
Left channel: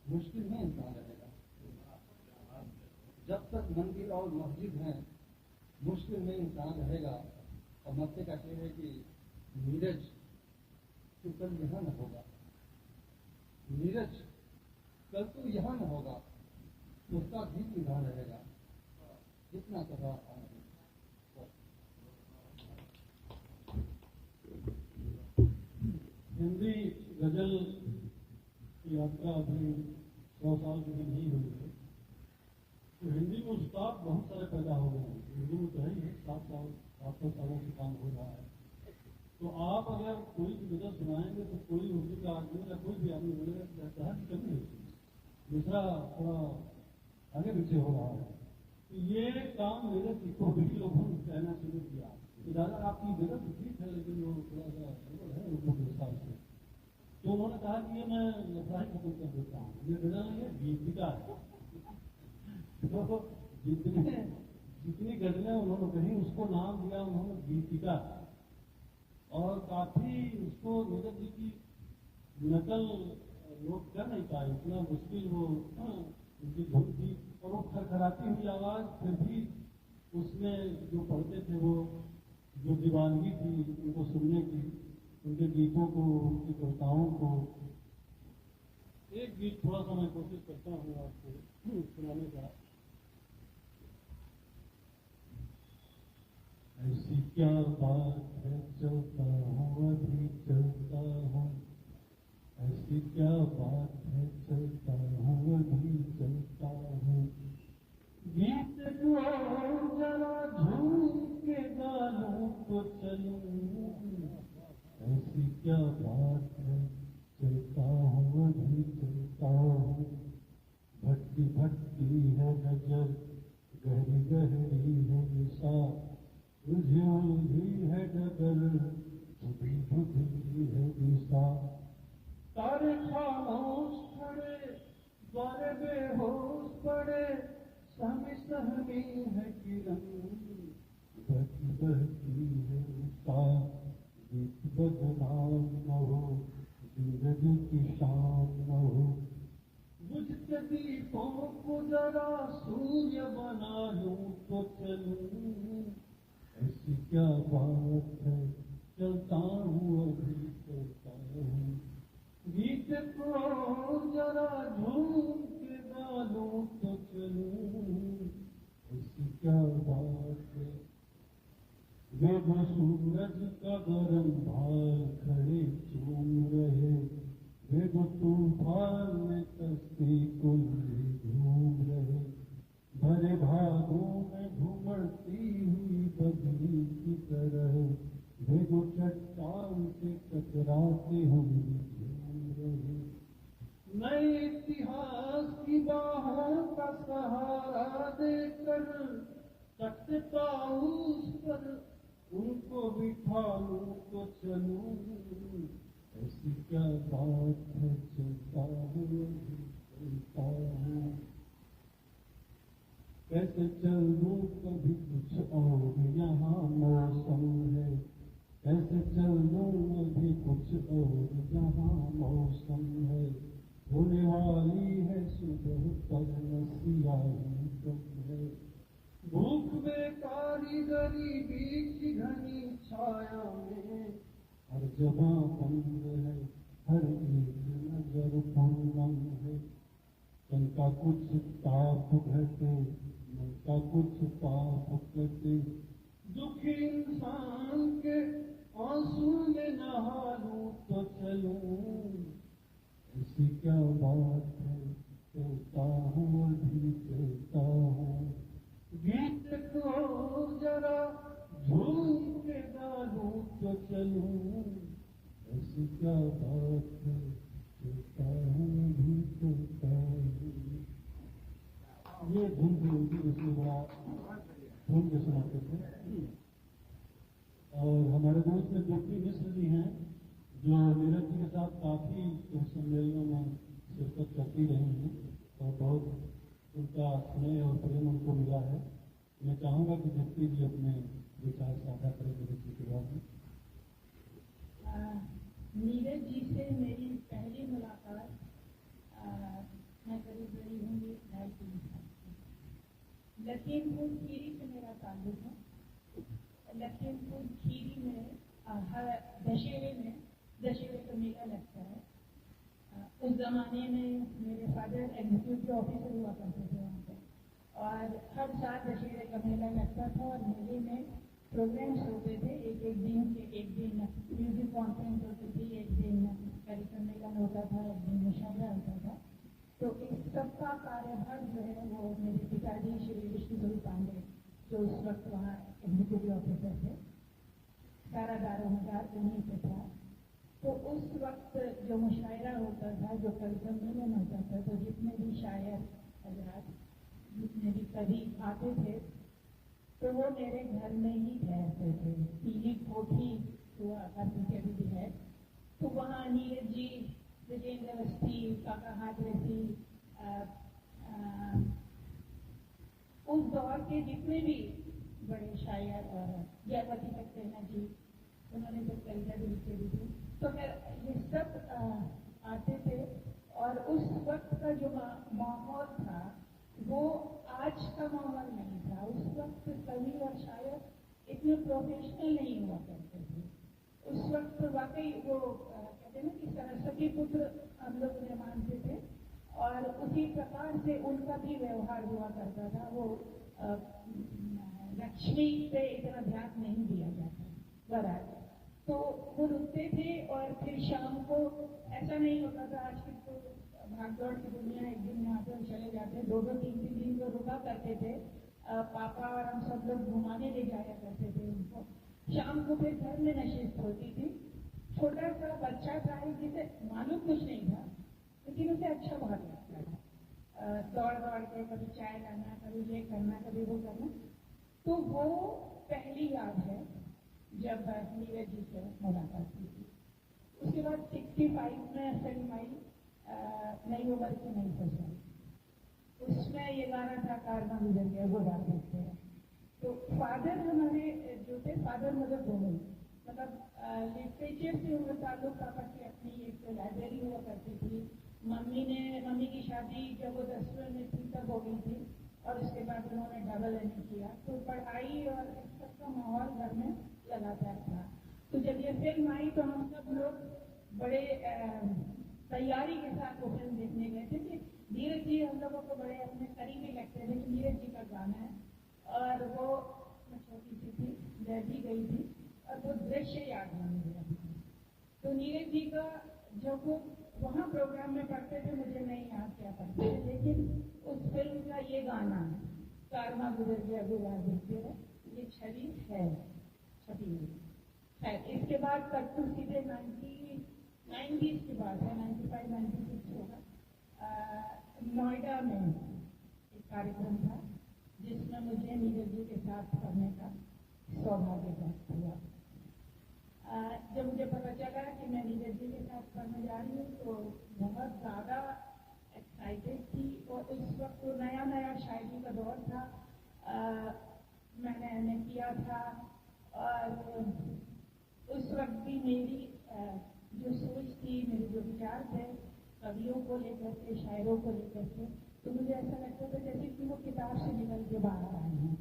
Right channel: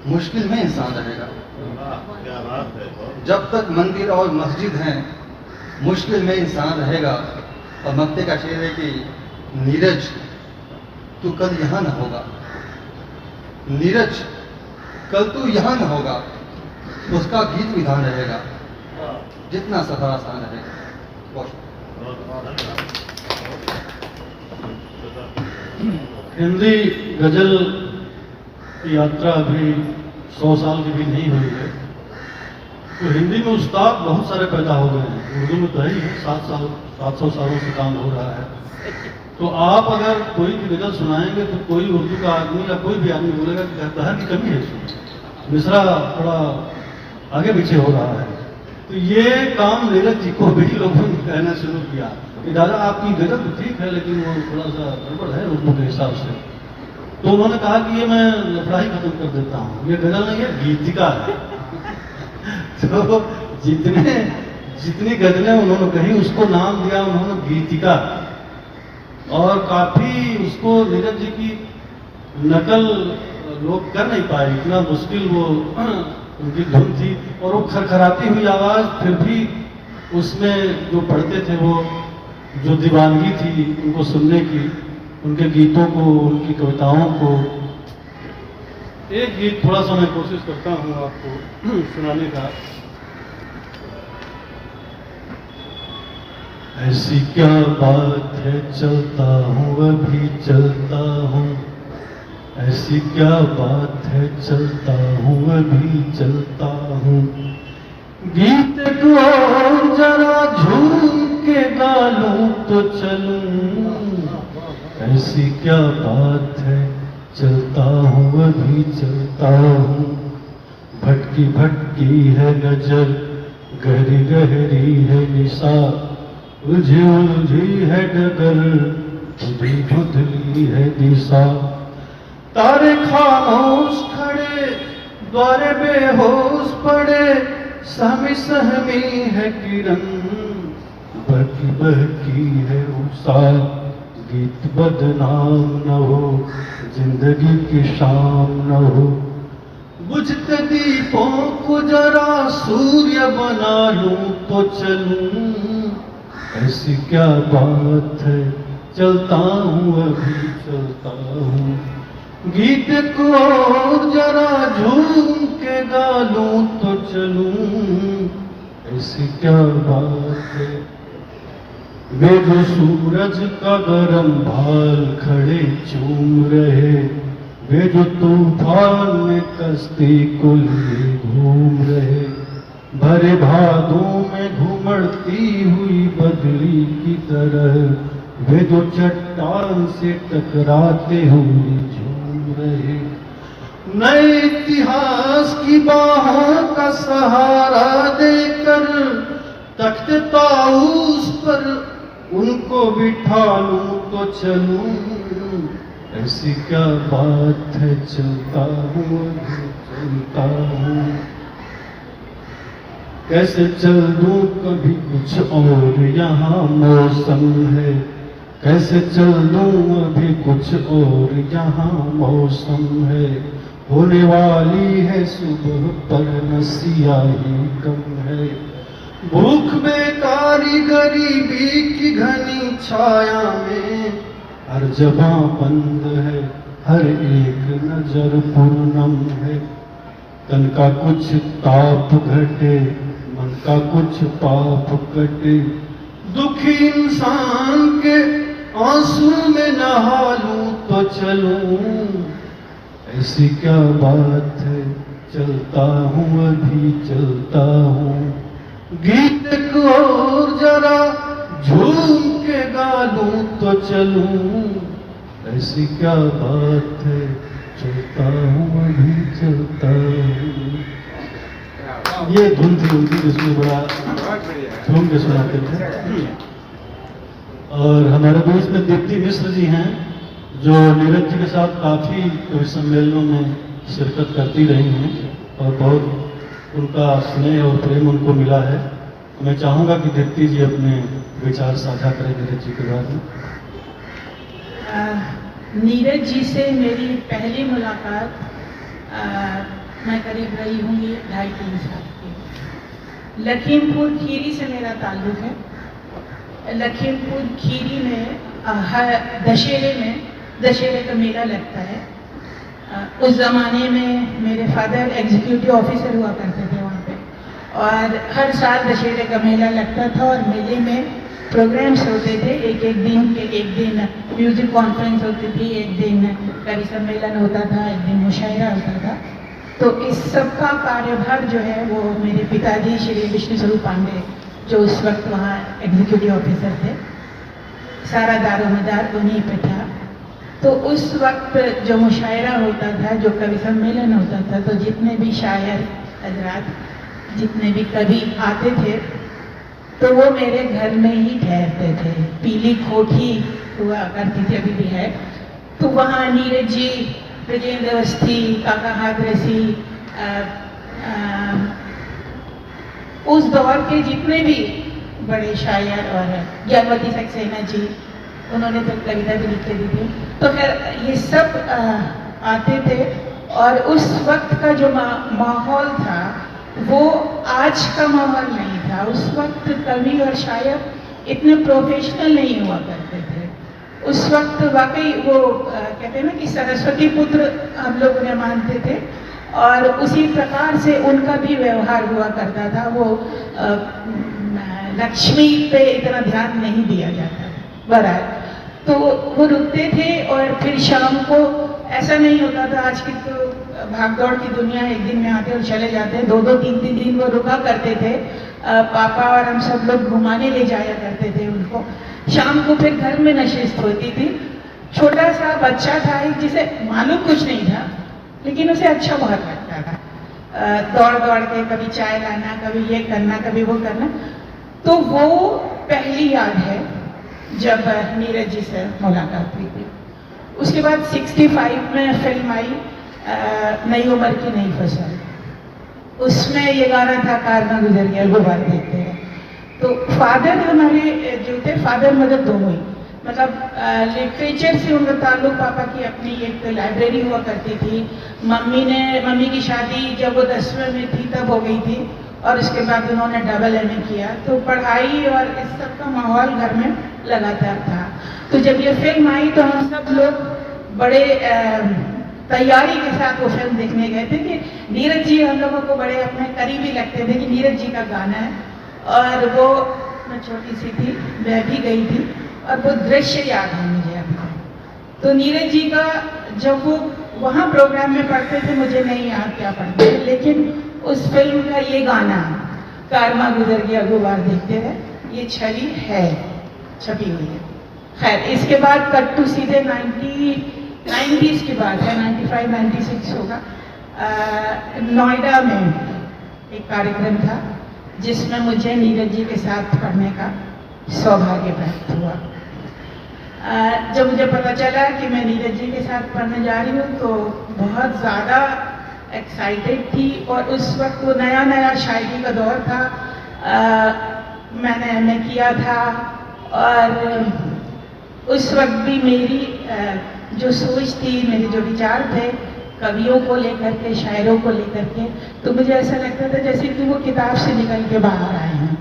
मुश्किल में इंसान रहेगा। जब तक मंदिर और मस्जिद हैं, मुश्किल में इंसान रहेगा। और मक्ते का शेर है कि नीरज तू कल यहां न होगा, नीरज कल तू यहां न होगा, उसका गीत विधान रहेगा। जितना सफर आसान रहेगा। हिंदी गजल की यात्रा अभी 100 साल की भी नहीं हुई है, तो हिंदी में उस्ताद बहुत सारे पैदा हो गए हैं। उर्दू में तो है ही है, 700 सालों से काम हो रहा है। तो आप अगर कोई भी गजल सुनाएंगे तो कोई उर्दू का आदमी या कोई भी आदमी बोलेगा कि कहता की कमी है इसमें, मिसरा थोड़ा आगे पीछे हो रहा है। तो ये काम नीरज जी को भी लोगों ने कहना शुरू किया कि दादा आपकी गजल तो ठीक है लेकिन वो थोड़ा सा गड़बड़ है उर्दू के हिसाब से। तो उन्होंने कहा कि ये मैं लफड़ा ही खत्म कर देता हूँ, ये गजल नहीं है गीतिका है। तो जितनी गजलें उन्होंने कही उसको नाम दिया उन्होंने गीतिका। और काफी उसको नीरज जी की नकल लोग कर नहीं पाए, इतना मुश्किल वो उनकी धुन थी। और वो खरखराती हुई आवाज फिर भी उसमें जो पढ़ते थे वो जो दीवानगी थी उनको सुनने की, उनके गीतों को, उनकी कविताओं को। एक गीत थोड़ा सा मैं कोशिश करता हूँ आपको सुनाने का। ऐसी क्या बात है चलता हूँ अभी चलता हूँ, ऐसी क्या बात है चलता हूँ अभी चलता हूँ, गीत को जरा झूम के गा लूं तो चलूं। ऐसी क्या बात है चलता हूँ अभी चलता हूँ, भटकी भटकी है नजर, गहरी गहरी है निशा, उलझी उलझी है डगर, धुंधली धुंधली है दिशा। तारे खामोश खड़े, द्वारे बेहोश पड़े, सहमी सहमी है किरण, बहकी बहकी है उषा। गीत बदनाम न हो, जिंदगी की शाम न हो, बुझते दीपों को जरा सूर्य बना लूं तो चलूं। ऐसी क्या बात है, चलता हूँ अभी चलता हूँ, गीत को जरा झूम के गा लूं तो चलूं। ऐसी क्या बात है, वे जो सूरज का गरम भाल खड़े चूम रहे, वे जो तूफान में कश्ती को लिए घूम रहे, भरे भादों में घुमड़ती हुई बदली की तरह, वे जो चट्टान से टकराते हुए झूम रहे। नए इतिहास की बाहों का सहारा देकर तख्त ताऊस पर उनको बिठा लूं तो चलूं। ऐसी क्या बात है, चलता हूँ चलता हूँ, कैसे चल दूं कभी कुछ और यहाँ मौसम है, कैसे चल दूं अभी कुछ और यहाँ मौसम है। होने वाली है सुबह पर न सियाही कम है, भूख बेकारी गरीबी की घनी छाया में, हर जगह बंद है, हर एक नजर पूर्णम है। तन का कुछ ताप घटे, मन का कुछ पाप कटे, दुखी इंसान के आंसू में नहा लूं तो चलूं। ऐसी क्या बात है, चलता हूँ अभी चलता हूँ, गीत को जरा झूम के गा लूं तो चलूं। ऐसी क्या बात है, चलता हूँ अभी चलता हूँ। ये धुन थी उनकी जिसमें बड़ा झूम के सुनाते थे। और हमारे बीच में दीप्ति मिश्र जी हैं, जो नीरज जी के साथ काफ़ी कवि सम्मेलनों में शिरकत करती रही हैं और बहुत उनका स्नेह और प्रेम उनको मिला है। तो मैं चाहूँगा कि दीप्ति जी अपने विचार साझा करें नीरज जी के बारे में। नीरज जी से मेरी पहली मुलाकात मैं करीब रही हूँ ये 2.5-3 साल की। लखीमपुर खीरी से मेरा ताल्लुक़ है। लखीमपुर खीरी में दशहरे का मेला लगता है। उस ज़माने में मेरे फादर एग्जीक्यूटिव ऑफिसर हुआ करते थे वहाँ पे, और हर साल दशहरे का मेला लगता था और मेले में प्रोग्राम्स होते थे। एक दिन म्यूजिक कॉन्फ्रेंस होती थी, एक दिन कवि सम्मेलन होता था, एक दिन मुशायरा होता था। तो इस सब का कार्यभार जो है वो मेरे पिताजी श्री विष्णु स्वरूप पांडे, जो उस वक्त वहाँ एग्जीक्यूटिव ऑफिसर थे, सारा दारोमदार उन्हीं पे था। तो उस वक्त जो मुशायरा होता था, जो कवि सम्मेलन होता था, तो जितने भी शायर हजरात, जितने भी कवि आते थे, तो वो मेरे घर में ही ठहरते थे। पीली कोठी हुआ करती थी, अभी भी है। तो वहाँ नीरज जी, ब्रजेंद्र अवस्थी, काका हादरसी, उस दौर के जितने भी बड़े शायर, और ज्ञानवती सक्सेना जी, उन्होंने तो कविता भी लिख के दी थी। तो खैर ये सब आते थे, और उस वक्त का जो माहौल था वो आज का माहौल नहीं था। उस वक्त कवि और शायर इतने प्रोफेशनल नहीं हुआ करते थे। उस वक्त वाकई वो कहते हैं ना कि सरस्वती पुत्र हम लोग उन्हें मानते थे, और उसी प्रकार से उनका भी व्यवहार हुआ करता था। वो लक्ष्मी पे इतना ध्यान नहीं दिया जाता। बहरहाल तो वो रुकते थे, और फिर शाम को ऐसा नहीं होता था। आज की तो भागदौड़ की दुनिया, एक दिन में आते और चले जाते। 2-2, 3-3 दिन वो रुका करते थे। पापा और हम सब लोग घुमाने ले जाया करते थे उनको। शाम को फिर घर में नशिस्त होती थी। छोटा सा बच्चा था एक, जिसे मालूम कुछ नहीं था, लेकिन उसे अच्छा बहुत लगता था दौड़ दौड़ के कभी चाय लाना, कभी ये करना, कभी वो करना। तो वो पहली याद है जब नीरज जी से मुलाकात हुई थी। उसके बाद 65 में फिल्म आई नई उम्र की नई फसल। उसमें ये गाना था कार में गुजर गया वो बात देखते हैं। तो फादर हमारे जो थे, फादर मदर दोनों ही, मतलब लिटरेचर से उनका ताल्लुक, पापा की अपनी एक लाइब्रेरी हुआ करती थी। मम्मी की शादी जब वो 10वीं में थी तब हो गई थी, और उसके बाद उन्होंने डबल MA किया। तो पढ़ाई और इस सब का माहौल घर में लगातार था। तो जब ये फिल्म आई तो हम सब लोग बड़े तैयारी के साथ वो फिल्म देखने गए थे कि नीरज जी हम लोगों को बड़े अपने करीबी लगते थे कि नीरज जी का गाना है। और वो, मैं छोटी सी थी, मैं भी गई थी, और वो दृश्य याद है मुझे अभी। तो नीरज जी का जब वो वहाँ प्रोग्राम में पढ़ते थे, मुझे नहीं याद क्या पढ़ते थे, लेकिन उस फिल्म का ये गाना कारवा गुजर गया गुबार देखते हैं, ये छवि है, छपी हुई है। खैर, इसके बाद कट टू सीधे 90s की बात है, 95-96 होगा। नोएडा में एक कार्यक्रम था जिसमें मुझे नीरज जी के साथ पढ़ने का सौभाग्य प्राप्त हुआ। जब मुझे पता चला कि मैं नीरज जी के साथ पढ़ने जा रही हूँ तो बहुत ज़्यादा एक्साइटेड थी। और उस वक्त वो नया नया शायरी का दौर था, मैंने MA किया था, और उस वक्त भी मेरी जो सोच थी, मेरे जो विचार थे कवियों को लेकर के, शायरों को लेकर के, तो मुझे ऐसा लगता था जैसे कि वो किताब से निकल के बाहर आए हैं।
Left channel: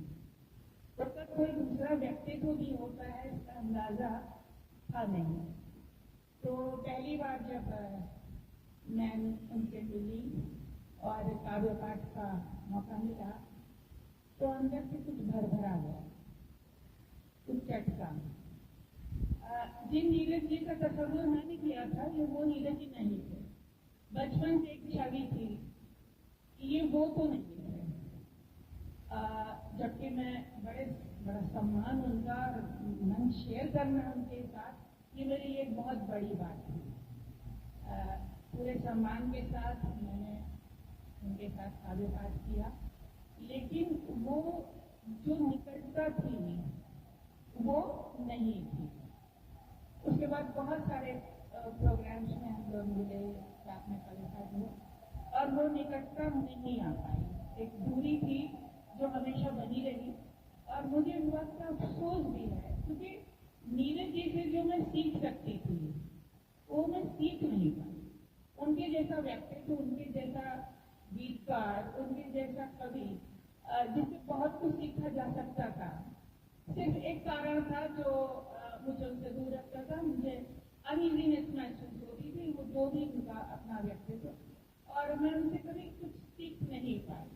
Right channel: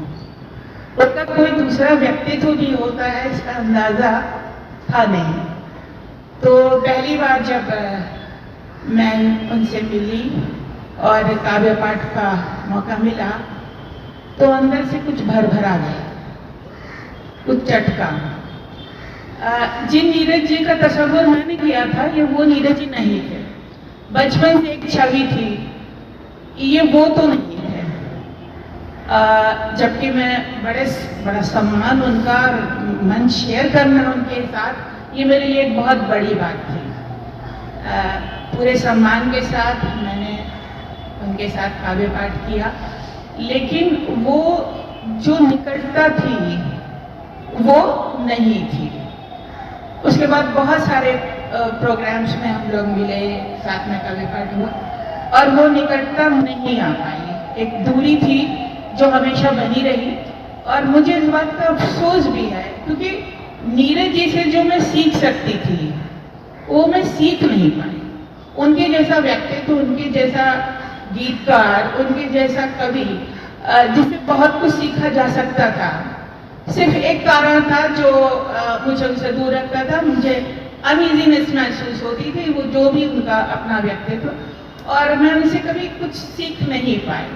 उनका कोई दूसरा व्यक्तित्व भी होता है, इसका अंदाजा था नहीं। तो पहली बार जब मैं उनसे मिली और काव्य पाठ का मौका मिला तो अंदर से कुछ भर आ गया, कुछ चटका। जिन नीरज जी का तस्वुर मैंने किया था, ये वो नीरज जी नहीं थे। बचपन से एक छवि थी, ये वो तो नहीं है। जबकि मैं बड़ा सम्मान उनका, मंच शेयर करना उनके साथ, ये मेरे लिए एक बहुत बड़ी बात थी। पूरे सम्मान के साथ मैंने उनके साथ काव्य पाठ किया, लेकिन वो जो निकटता थी वो नहीं थी। उसके बाद बहुत सारे प्रोग्राम्स में हम लोग मिले, साथ में काव्य पाठ हुआ, और वो निकटता नहीं आ पाई। एक दूरी थी जो हमेशा बनी रही, और मुझे इस बात का अफसोस भी है क्योंकि नीरज जी से जो मैं सीख सकती थी वो मैं सीख नहीं पाई। उनके जैसा व्यक्तित्व, उनके जैसा गीतकार, उनके जैसा कवि, जिससे बहुत कुछ सीखा जा सकता था। सिर्फ एक कारण था जो मुझे उनसे दूर रखता था, मुझे अनइजीनेस महसूस होती थी, वो जो भी उनका अपना व्यक्तित्व, और मैं उनसे कभी कुछ सीख नहीं पाई।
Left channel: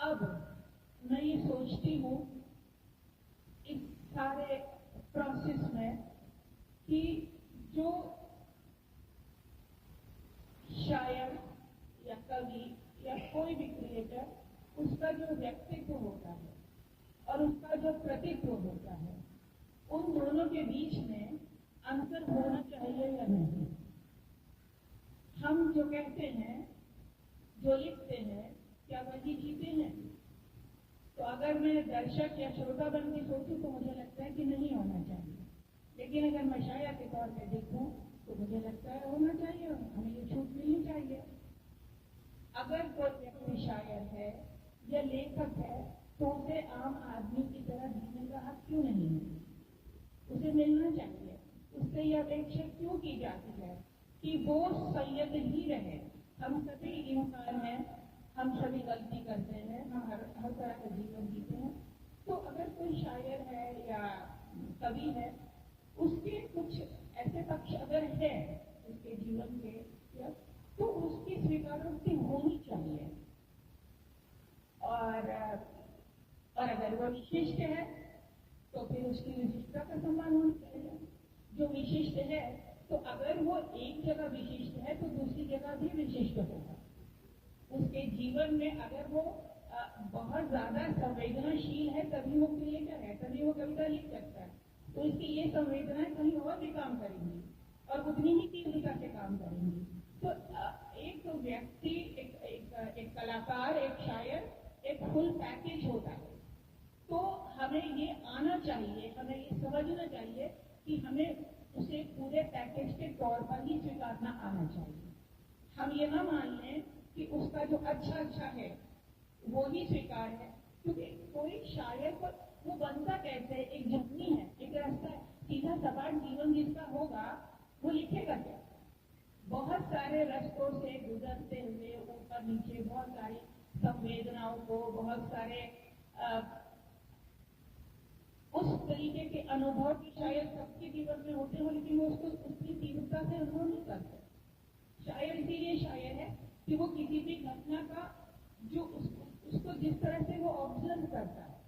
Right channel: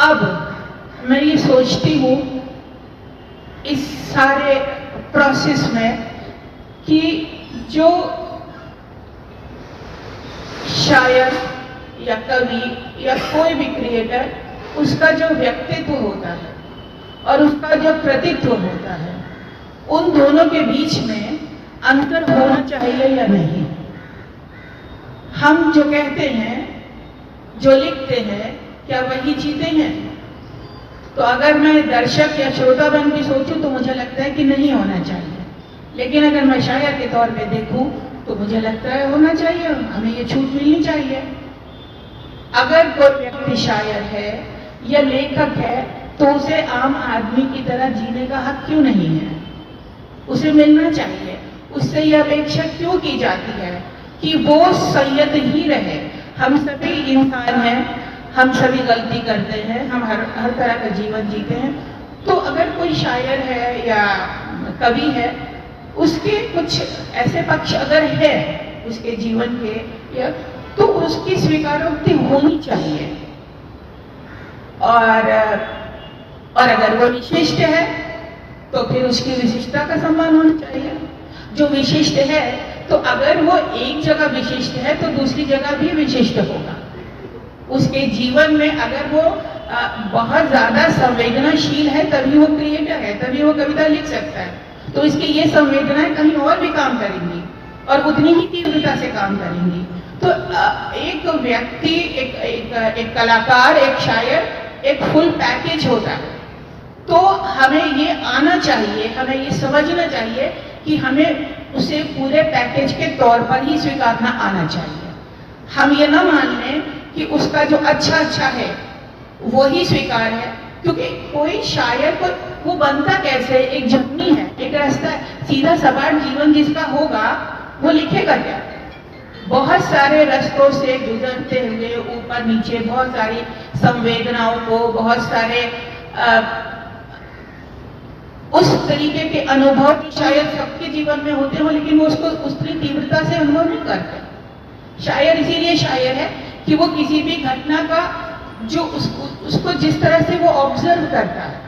अब मैं ये सोचती हूँ इस सारे प्रोसेस में कि जो शायर या कवि या कोई भी क्रिएटर, उसका जो व्यक्तित्व होता है और उसका जो प्रतित्व होता है, उन दोनों के बीच में अंतर होना चाहिए या नहीं। हम जो कहते हैं, जो लिखते हैं, क्या वही चीजें हैं? तो अगर मैं दर्शक या श्रोता बन के सोचूं तो मुझे लगता है कि नहीं होना चाहिए, लेकिन अगर मैं शायर के तौर पे देखूं तो मुझे लगता है होना चाहिए, हमें ये छूट मिलनी चाहिए। अगर कोई व्यक्ति शायर है या लेखक है तो उसे आम आदमी की तरह जीने का हक क्यों नहीं है? उसे मिलना चाहिए। उससे यह अपेक्षा क्यों की जाती है कि वो संयत ही रहे? हम सभी इंसान हैं, हम सभी गलती करते हैं, हम हर तरह का जीवन जीते हैं। तो अगर कोई शायर है या कवि है, उसके कुछ ऐसे पक्ष अगर है उसके जीवन के, या तो उसकी स्वीकारोक्ति होनी चाहिए। और अगर वो विशिष्ट है तो फिर उसकी विशिष्टता का सम्मान होना चाहिए। जो विशिष्ट है तो अगर वो एक जगह विशिष्ट है तो दूसरी जगह भी विशिष्ट होगा। उसके जीवन में अगर वो बहुत ज्यादा संवेदनाशील है तभी वो क्रिएटर है, तभी वो कविता लिख सकता है। तो इसकी ये संवेदनाएं कहीं और भी काम करेंगी और उतनी ही तीव्रता से काम करेंगी। तो एक व्यक्ति, एक कलाकार, एक शायर एक फुल पैकेज होता है। तो हमें ये आना चाहिए, हमें ये समझना चाहिए कि हमें उसे पूरे पैकेज के तौर पर ही स्वीकारना आना चाहिए। हम ये ना मान लें कि उसका जो अच्छा है वो ही स्वीकार है, क्योंकि कोई शायर को वो बनता कैसे, एक जर्नी है, एक रास्ता, सीधा सपाट जीवन जिसका होगा वो लिखेगा क्या? बहुत सारे रास्तों से गुजरते हुए ऊपर नीचे बहुत सारी संवेदनाओं को, बहुत सारे उस तरीके के अनुभव शायद सबके जीवन में होते हो, लेकिन वो उसको उतनी तीव्रता से अनुभव नहीं करते। शायर इसीलिए शायर है कि वो किसी भी घटना का जो उसको जिस तरह से वो ऑब्जर्व करता है,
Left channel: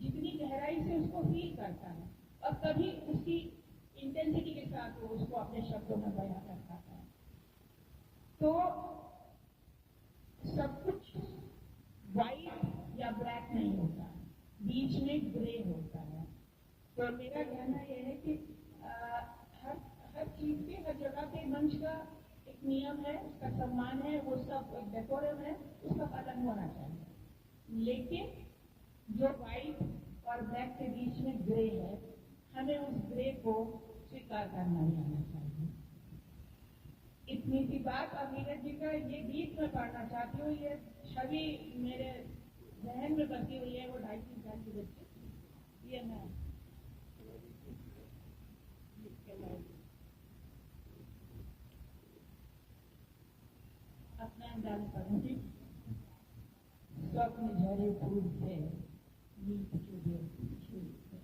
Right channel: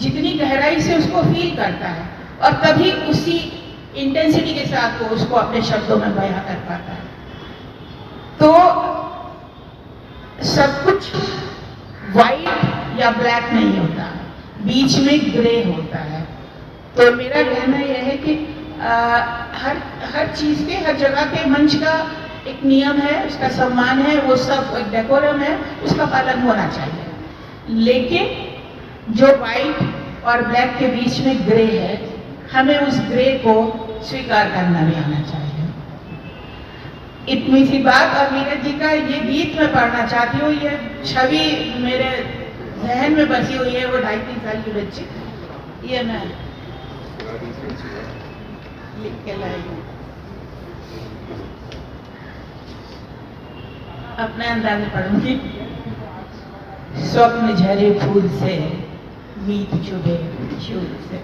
जितनी गहराई से उसको फील करता है, और तभी उसी इंटेंसिटी के साथ वो उसको अपने शब्दों में बयां कर पाता है। तो सब कुछ वाइट या ब्लैक नहीं होता, बीच में ग्रे होता है। तो मेरा कहना यह है कि हर चीज के, हर जगह के मंच का एक नियम है, उसका सम्मान है, वो सब डेकोरम है, उसका पालन होना चाहिए। लेकिन जो व्हाइट और ब्लैक के बीच में ग्रे है, हमें उस ग्रे को स्वीकार करना भी आना चाहिए। इतनी सी बात। और नीरज जी का ये गीत मैं पढ़ना चाहती हूँ, ये छवि मेरे जहन में बसी हुई है, वो 2.5-3 साल की बच्ची, ये मैं लिख के लाई हूँ अपने अंदाज में पढ़ूंगी। स्वप्न झरे फूल से, मीत चुभे शूल से,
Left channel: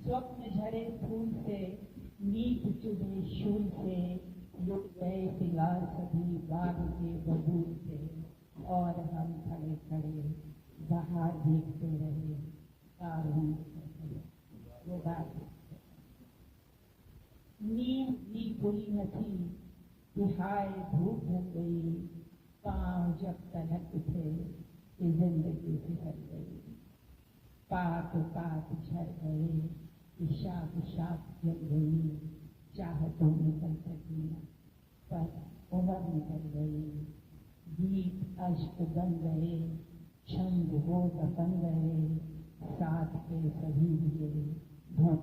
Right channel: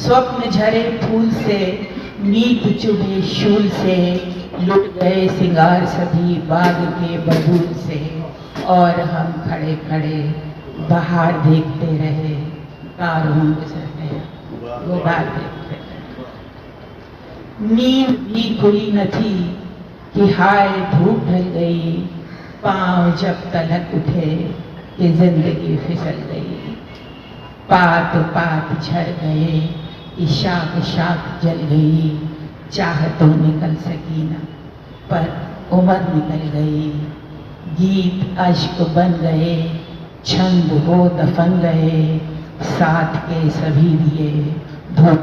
स्वप्न झरे फूल से, मीत चुभे शूल से, लुट गए सिंगार सभी बाग के बबूल से, और हम खड़े खड़े बाहर देखते रहे, कारवां गुजर गया, वो बात देखते रहे। नींद भी खुली न थी कि हाय धूप ढल गई, पांव जब तलक उठे कि जिंदगी फिसल गई, पात पात झड़ गए कि शाख शाख जल गई, चाह तो निकल सकी न पर उम्र निकल गई, गीत अश्क बन गए, छंद हो दफन गए, साथ के सभी दिए धुआं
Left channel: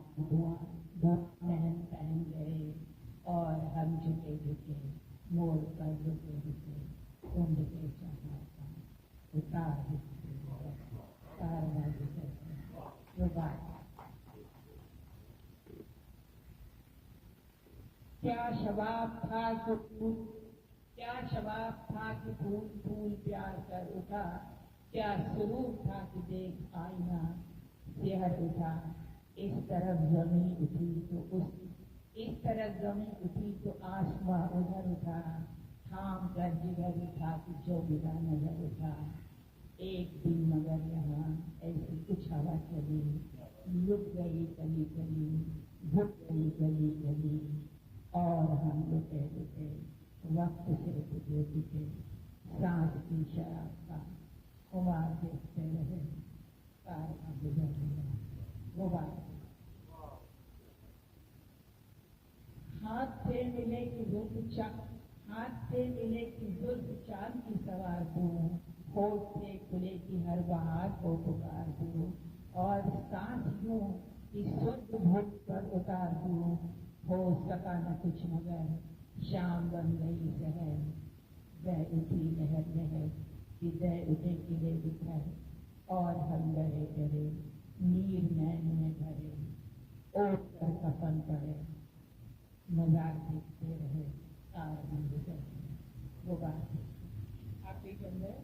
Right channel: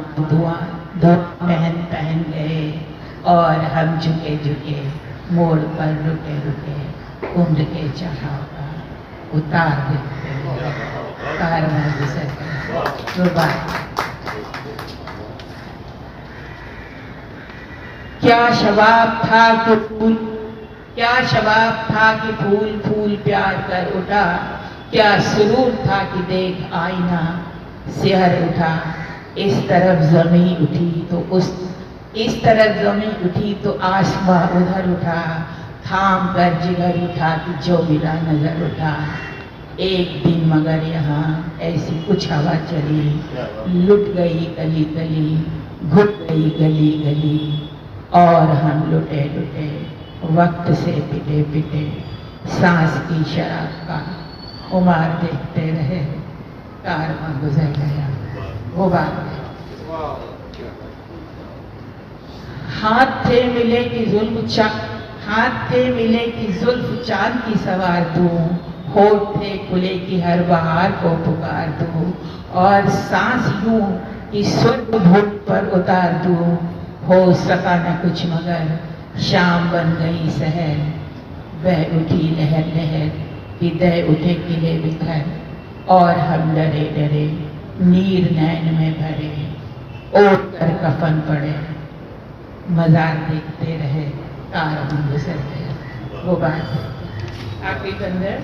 धुआं पहन पहन गए, और हम झुके झुके मोड़ पर रुके रुके, उम्र के चढ़ाव का उतार देखते हुए कारवां गुजर गया, वो बात। क्या शबाब था कि फूल, क्या शबाब था कि फूल फूल प्यार कर उठा, क्या सुरूर था कि देख आईना सिहर उठा, इस तरफ जमीन उठी तो इस तरफ जमीन उठी तो आसमां उधर उठा, थाम कर जिगर उठा कि जो मिला नजर उठा, एक दिन मगर यहाँ ऐसी कुछ हवा चली, लुट गई गली गली, घुट गई गली गली, और हम लुटे लुटे वक्त से पिटे पिटे, सांस की शराब का खुमार देखते रहे, कारवां गुजर गया, वो बात है। हाथ थे मिले कि जुल्फ चांद की सवार दूं, होठ थे खुले कि हर बहार को पुकार दूं, और सांस यूं कि स्वर्ग भूमि पर उतार दूं, हो सका न कुछ मगर शाम बन गई सहर, बह उठी लहर लहर हृदय उठे किले बिखर, और हम डरे डरे नीर नैन में भरे, ओढ़ कर कफन पड़े, मजार देखते रहे, कारवां गुजर गया, वो बात है। आखिरी कंदर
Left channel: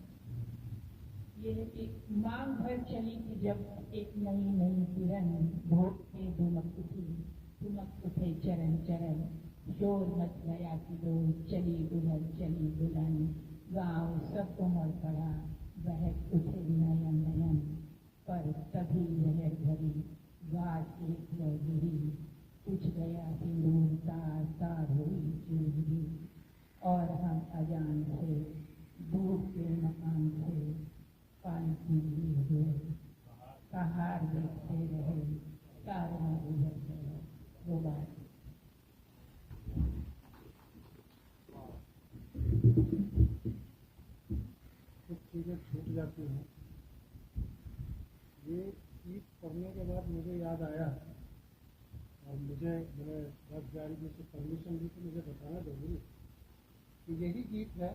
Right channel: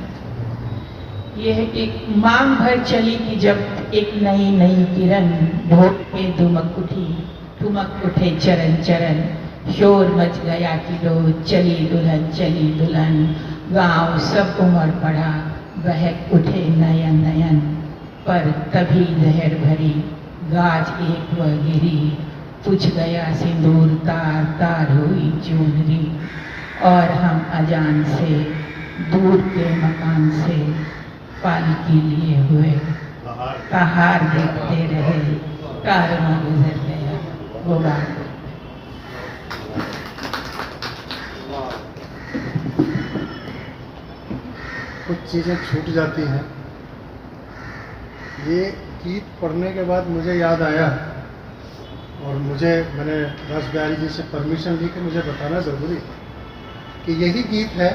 ये है कि मांग भर चली कि जब एक नई नई किरण, ढोल के ठुमक उठे चरण चरण, शोर मच गया कि लो चली दुल्हन, गांव सब उमड़ पड़ा, बहक उठे नयन नयन, पर तभी जहर भरी गाज एक वह गिरी, पूछ गया सिंदूर तार तार हुई चूनरी, और हम अजान से दूर के मकान से पालकी लिए हुए पहाड़ देखते रहे, कार में गुजर गया वो बात। कुछ चीज़ें छूट जाती हैं। ये गीत पढ़ने के बाद मुझे याद आया और मैंने राज बिहारी जी से परमिशन ली कि मुझे बताना ज़रूरी है कि यही गीत है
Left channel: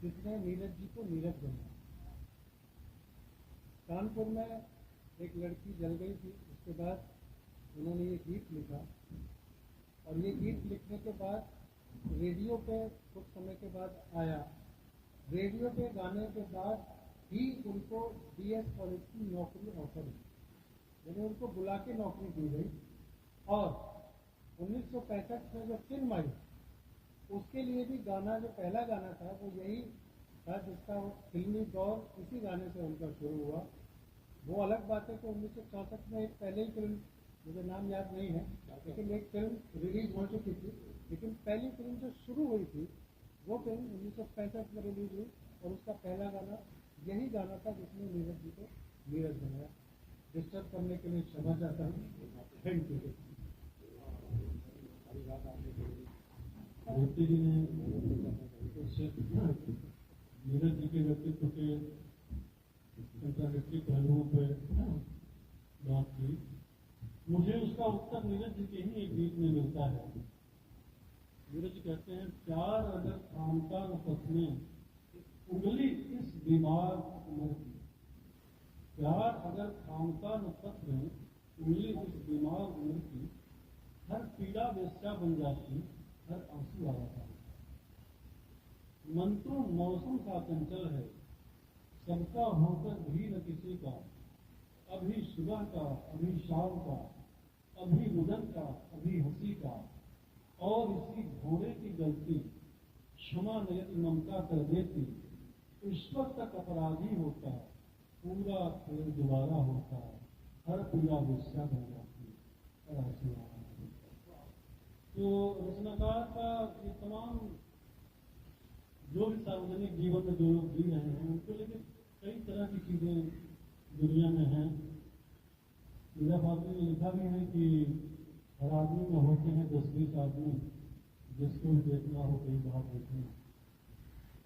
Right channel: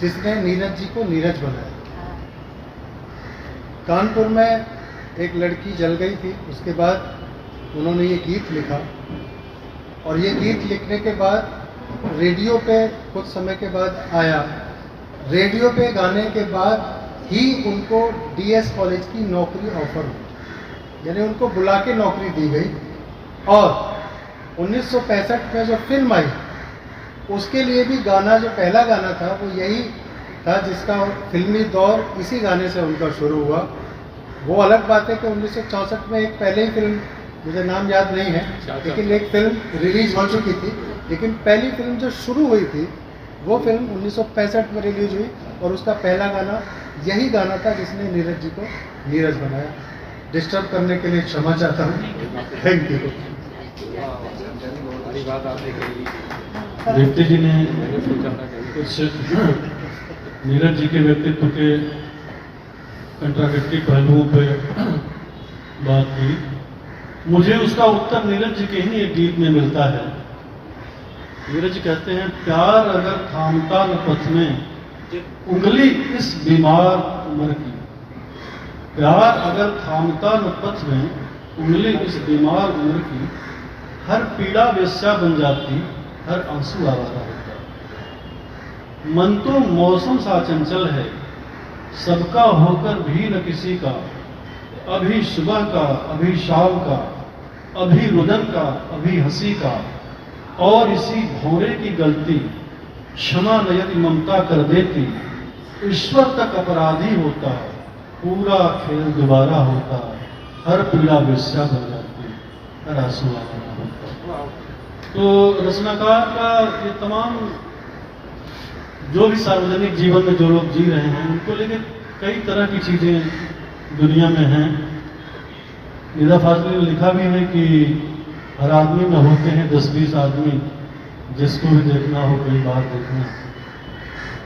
जिसने नीरज जी को नीरज बनाया। कानपुर में एक लड़की जल गई थी, उसके बाद उन्होंने ये गीत लिखा और ये गीत लिखने के बाद रेडियो पे कुछ समय के बाद आया। रेडियो पे गाने के बाद ही उनको डीएस कॉलेज की नौकरी ऑफर हुई, यानी उनको बुला के नौकरी दी गई। और 1965 में जो फिल्म आई उसके लिए भी गाना, जो पहला गाना था वो यही था जिसका फिल्मी दौर इसी गाने से उनका शुरू हुआ। वो अलग बात है कि 1964 में एक पहले ही फिल्म, मुझे नाम याद नहीं है, लेकिन एक फिल्म रिलीज हो चुकी थी, लेकिन पहली फिल्म जो शुरू हुई थी वो फिल्म 1965 में रिलीज हुई और उसका पहला गाना यही गाना था जिसने नीरज जी को नीरज बनाया। डिस्टर्ब करने के लिए क्षमा चाहता हूँ। Thank you. दीप्ति जी ने कुछ नीरज जी के व्यक्तित्व के कंट्राडिक्टरी पहलुओं पे बात की। मुझे उसका उत्तर नीरज जी के ही एक गीत में मिलता है। नीरज जी कहते हैं, प्यार अगर थामता न पथ में उंगली इस बीमार उम्र की, प्यार अगर थामता न पथ में उंगली इस बीमार उम्र की, हर पीड़ा वेश्या बन जाती, हर आंसू आवारा होता। मन तो मौसम सा चंचल है, सबका होकर भी न किसी का, अभी सुबह का, अभी शाम का, अभी रुदन का, अभी हंसी का, और इसी भौरे की गलती क्षमा न यदि ममता कर देती, ईश्वर तक अपराधी होता, पूरा खेल दोबारा होता, हर पीड़ा वेश्या बन जाती, हर आंसू आवारा होता। तो रचनाकार का ये तमाम जो भी सार्वजनिक जीवन में जो लोग जी रहे हैं उनको लेकर कई तरह की चीजें दुनिया में हैं। निदा फाजली ने लिखा भी है कि हर आदमी में होते हैं 10-20 आदमी, जिसको भी देखना हो कई बार देखना।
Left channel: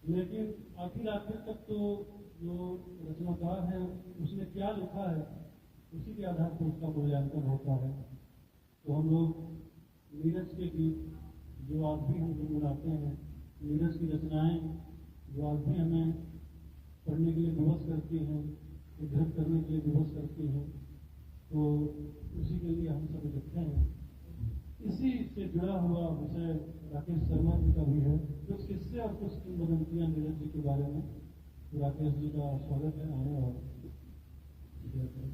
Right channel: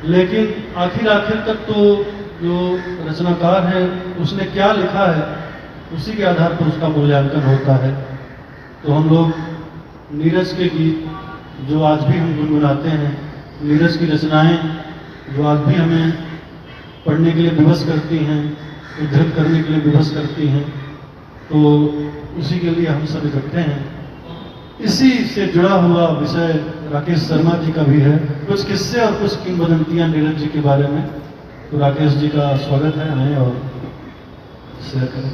लेकिन आखिर तक तो जो रचनाकार है उसने क्या लिखा है उसी के आधार पर उसका मूल्यांकन होता है। तो हम लोग नीरज के गीत जो आज भी हम गुनगुनाते हैं, नीरज की रचनाएं जो आज भी हमें पढ़ने के लिए विवश करती हैं, उद्धृत करने के लिए विवश करती हैं, तो उसी के लिए हम सब इकट्ठे हैं। इसी से जुड़ा हुआ विषय राकेश शर्मा जी का भी है, कुछ किस्से और कुछ किंवदंतियां नीरज जी के बारे में। तो राकेश जी का स्वागत है, आए और शेयर करें।